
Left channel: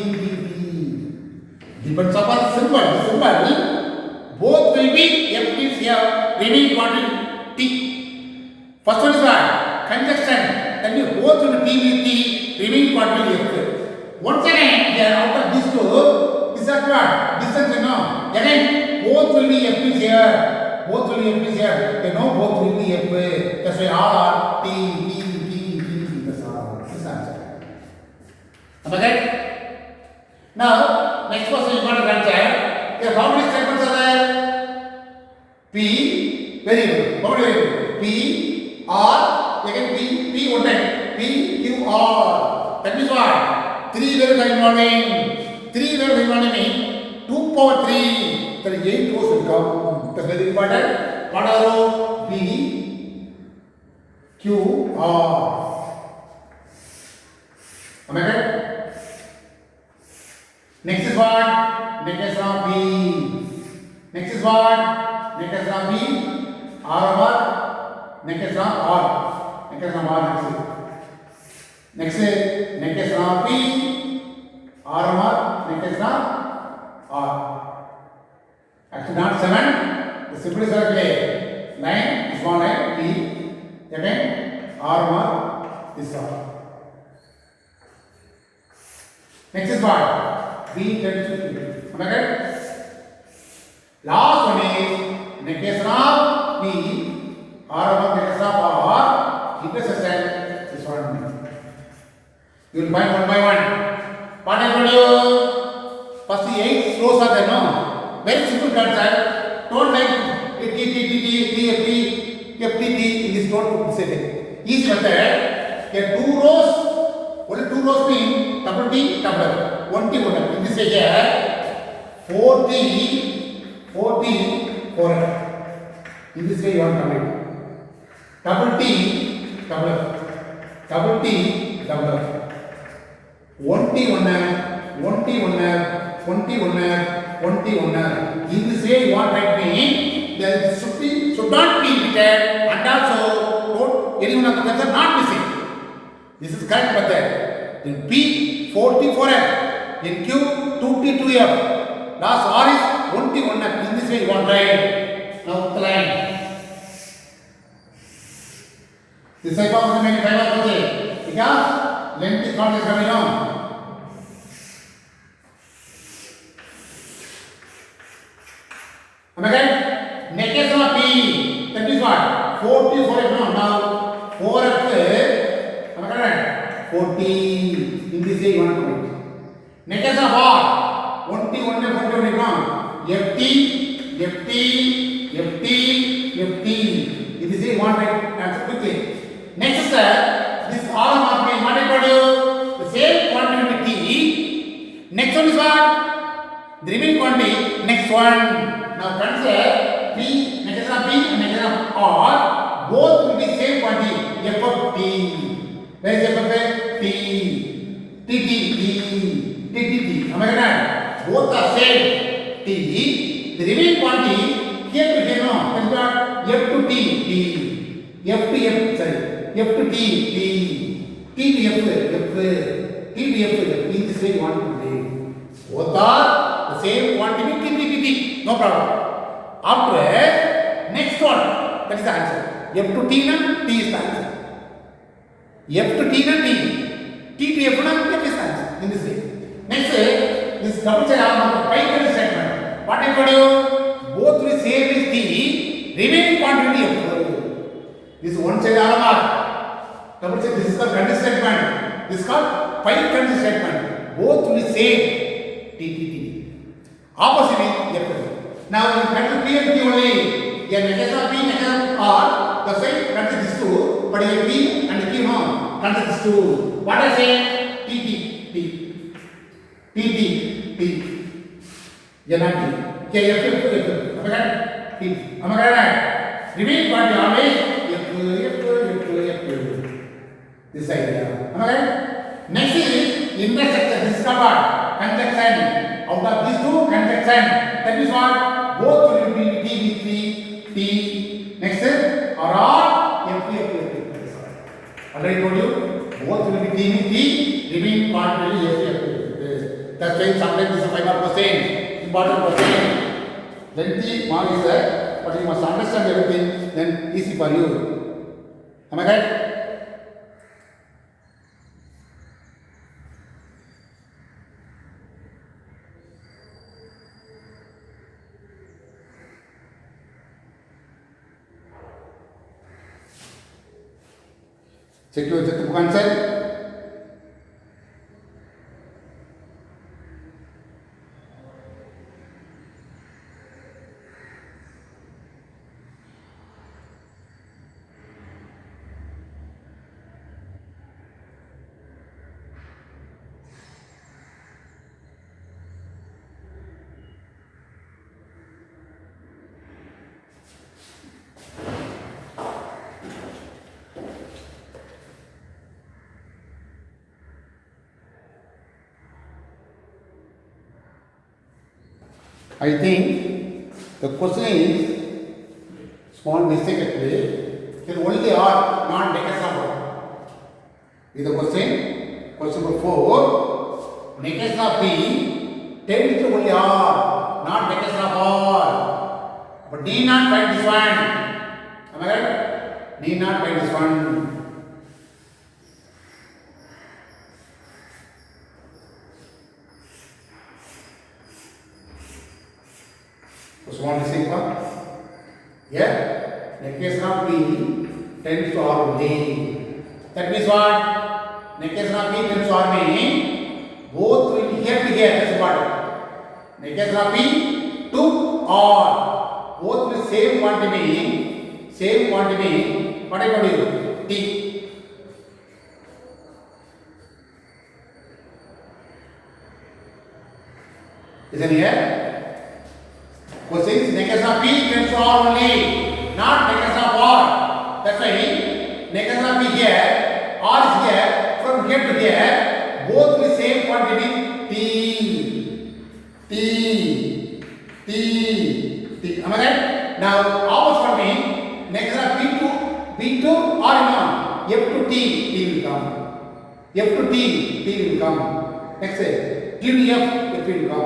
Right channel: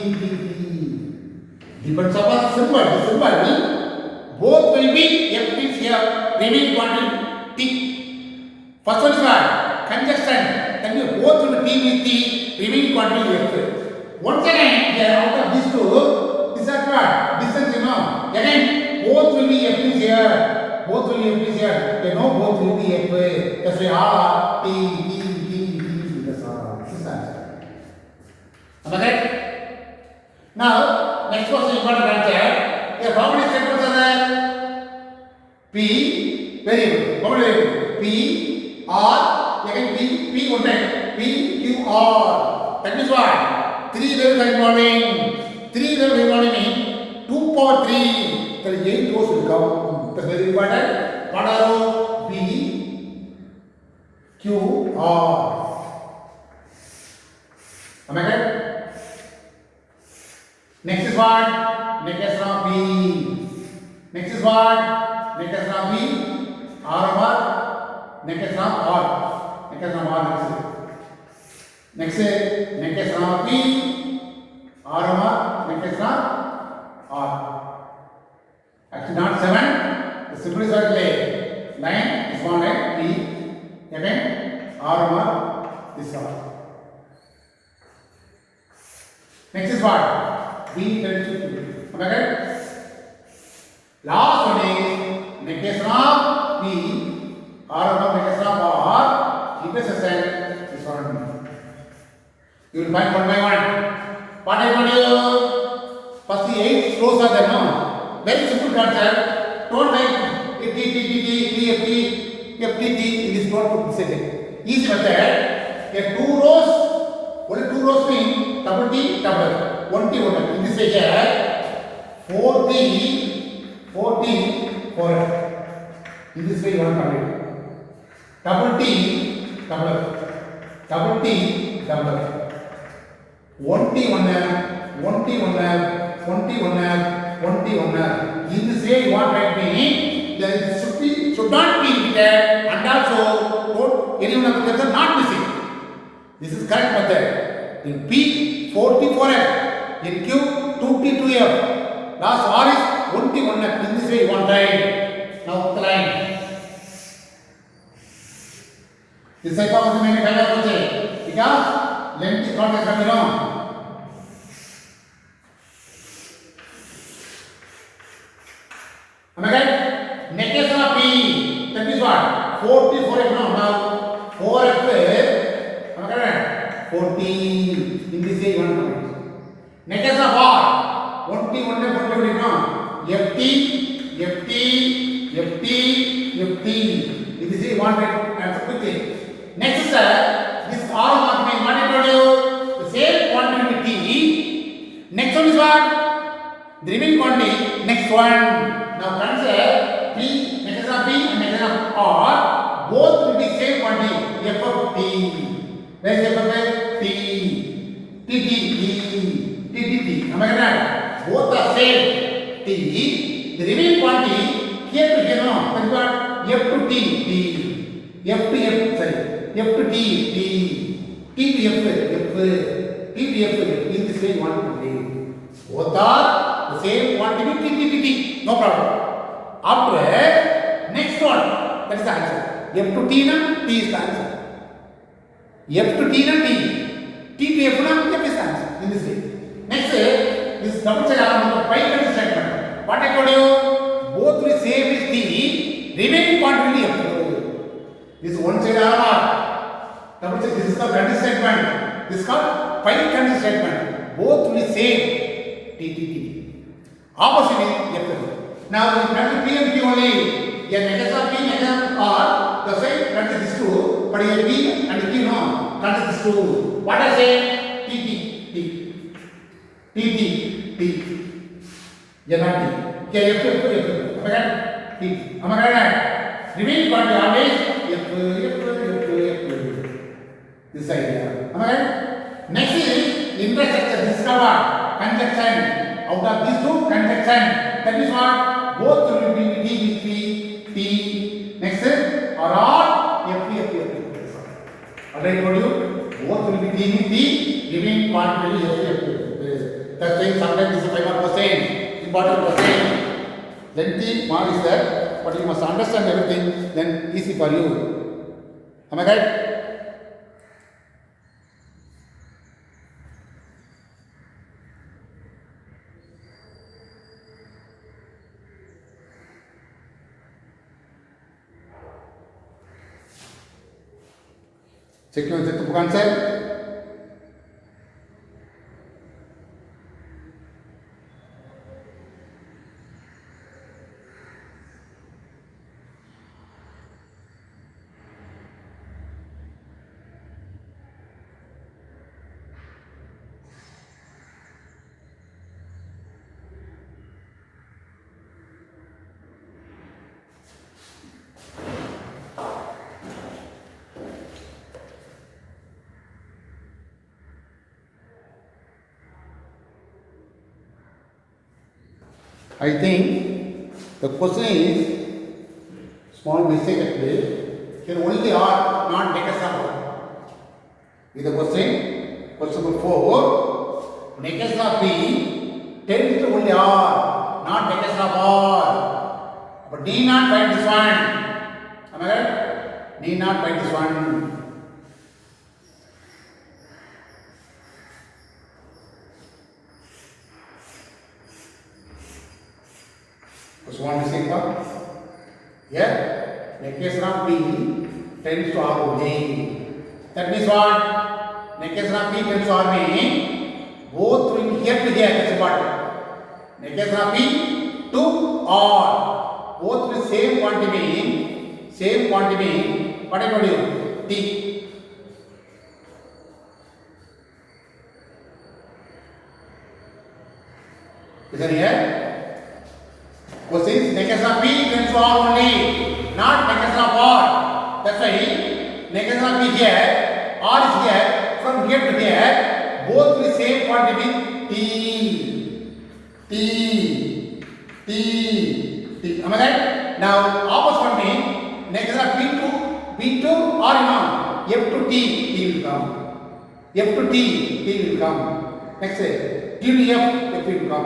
Depends upon symbol. The symbol both will be F is here. Remaining quantity T. First one is what? Conjunction. That means both will be T with T. Remaining quantity F. Once again, here out of these two, this is what? Distance no. Again, both will be F is here. Both will be F is here. Okay, no, both will be F. That's why all are T. That's all. This is answer. Am I right? Now, next question important answer. Here, how many statements are there? P, variable. How many variable? P, R, again P one time. P, Q, R. That means what? 3 variables are involving. 3 variables involving means 2 power 3. That is 8 rows will come. That's very important. What are rows? P, Q, R. Am I correct? Next is what? Negation of B. Next is what? Negation of B. R over negation of R. Negation of R next is negation of P. R over negation of R. Actually not 7. The symbol is very clear. 9 is one line P. Again R over this R. Next is what? B tends to P. Am I right? Last one is negation of P or of negation of R intersection is one. You will find one by one. What I told you? First the 8 rows are there, no? Very simple concept. Don't like T, F, T, in this don't put this again. Easy method. Get 2 rows, only 2 rows mean double T, double F. 1 T, 1 F. In this way here, 4 T, 4F. In this way you want to write. Double T, double F. Double T, double F. 1T, 1F. 1T, 1F. 1T, 1F. 1T, 1F. In this way you want to write me. There should not be repeated and also any one of the letters not missing. This is correct method. In P, 4T, 4F. In Q, 2T, 2F. Last R is 1T, 1F. In this way you want to write. Now the line. This type of many five of because length is not coming on. Am I right? Negation of P. That is what? 4T, 4F. Now 4F. Am I correct? 4T. In this way you want to write. Negation of R. 1T, 1F, 1T, 1F. FT, FT, FT, FT. In this way you want to answer quickly. Next is this R marking. What I told you? The same quantity with T. Next one is what? The remaining quantity. Next one. Now consider P, negation of P and negation of R. Both will be same quantity. F of T. Where is F of T? T, T, T, T, T, T. Am I correct? Both are same. T. The remaining quantity here we can know. That is what? F to T, T. F to F, sorry. F to T, T. T to F, F. T to F. In this way you want to write. Both are the same quantity. T, T, T, T. No problem. After next one, that is the answer. F to T na T is the answer. F to T na T. T to F na F is the answer. In this way. Next, this double check pi statement. What I told you? Both will same is T. Remaining quantity F. This one side R. Double check. This is called condition statement. This is called pi condition statement. Both will same T, T, T. Opposite is F. Now we consider P and Q only. Here negation of P, negation of R. The same consider this two. But here P and Q no. Consider this two. What I say? T, T, T. T, T, T. Here not T. Here F, F, F. Am I right? T. Am I right? Remain quantity always F, F, F, F. This idea. Am I right? Next is intersection. This is what? Conjunction. Out of these two, conjunction. That is what? Both will be T with T, T. Next is R, F, F, F. Already told you, both will be T with T. Remaining part will be F, F, F. That's why sometimes this is 5 mark question. Important question. Lengthy one is there, but you must understand everything, then easy for you. Am I right? Check your book answer. I think the question is small mistake actually. Here only R, not negation of R. Is the question number 4. Negation of D tends to only R, not negation of R. But need not find this one. Am I right? Need not find this one. Just want to see what? Here, negation of P tends to R only. That means what? Negation of P tends to R means both will get together. That's what. Negation of P to R. Both will same quantity. Same quantity. What I told you? T. Isn't here? Because negation of P tends to R only, not negation of R. That's why negation of P here, R is here, from here to here, both the same quantity T. Am I right? Now, opposite one means negation of P to R, F to T will come. F to T will come. Next, T to F will come.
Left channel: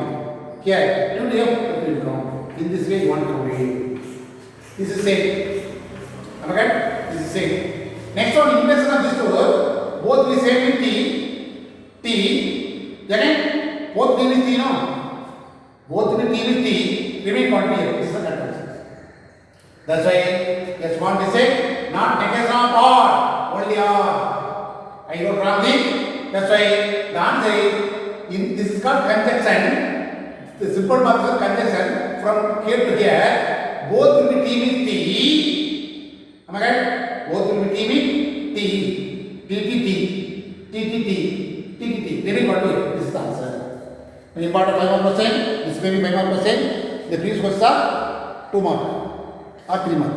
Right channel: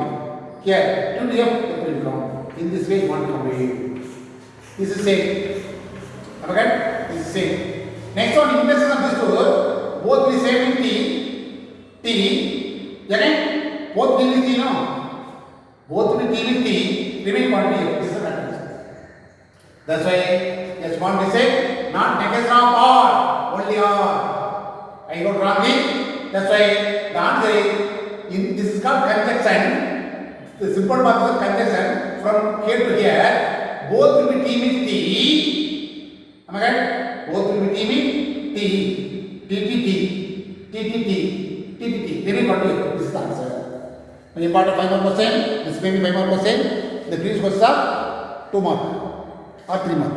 Here, T to F will come. In this way, you want to write. This is same. Am I right? This is same. Next one, inverses of this two, both will same in T. Then, both will be T, no? Both will T with T, remain quantity here. This is the condition. That's why, just want to say, not negation of R, only R. I wrote wrongly. That's why the answer is, this is called conjunction. The simple part is conjunction from here to here. Both will be T with T. Am I right? Both will be T with T. T. Very important. This is the answer. When you part of 5 more question, this may be 5 more question. The previous question 2 mark or 3 mark.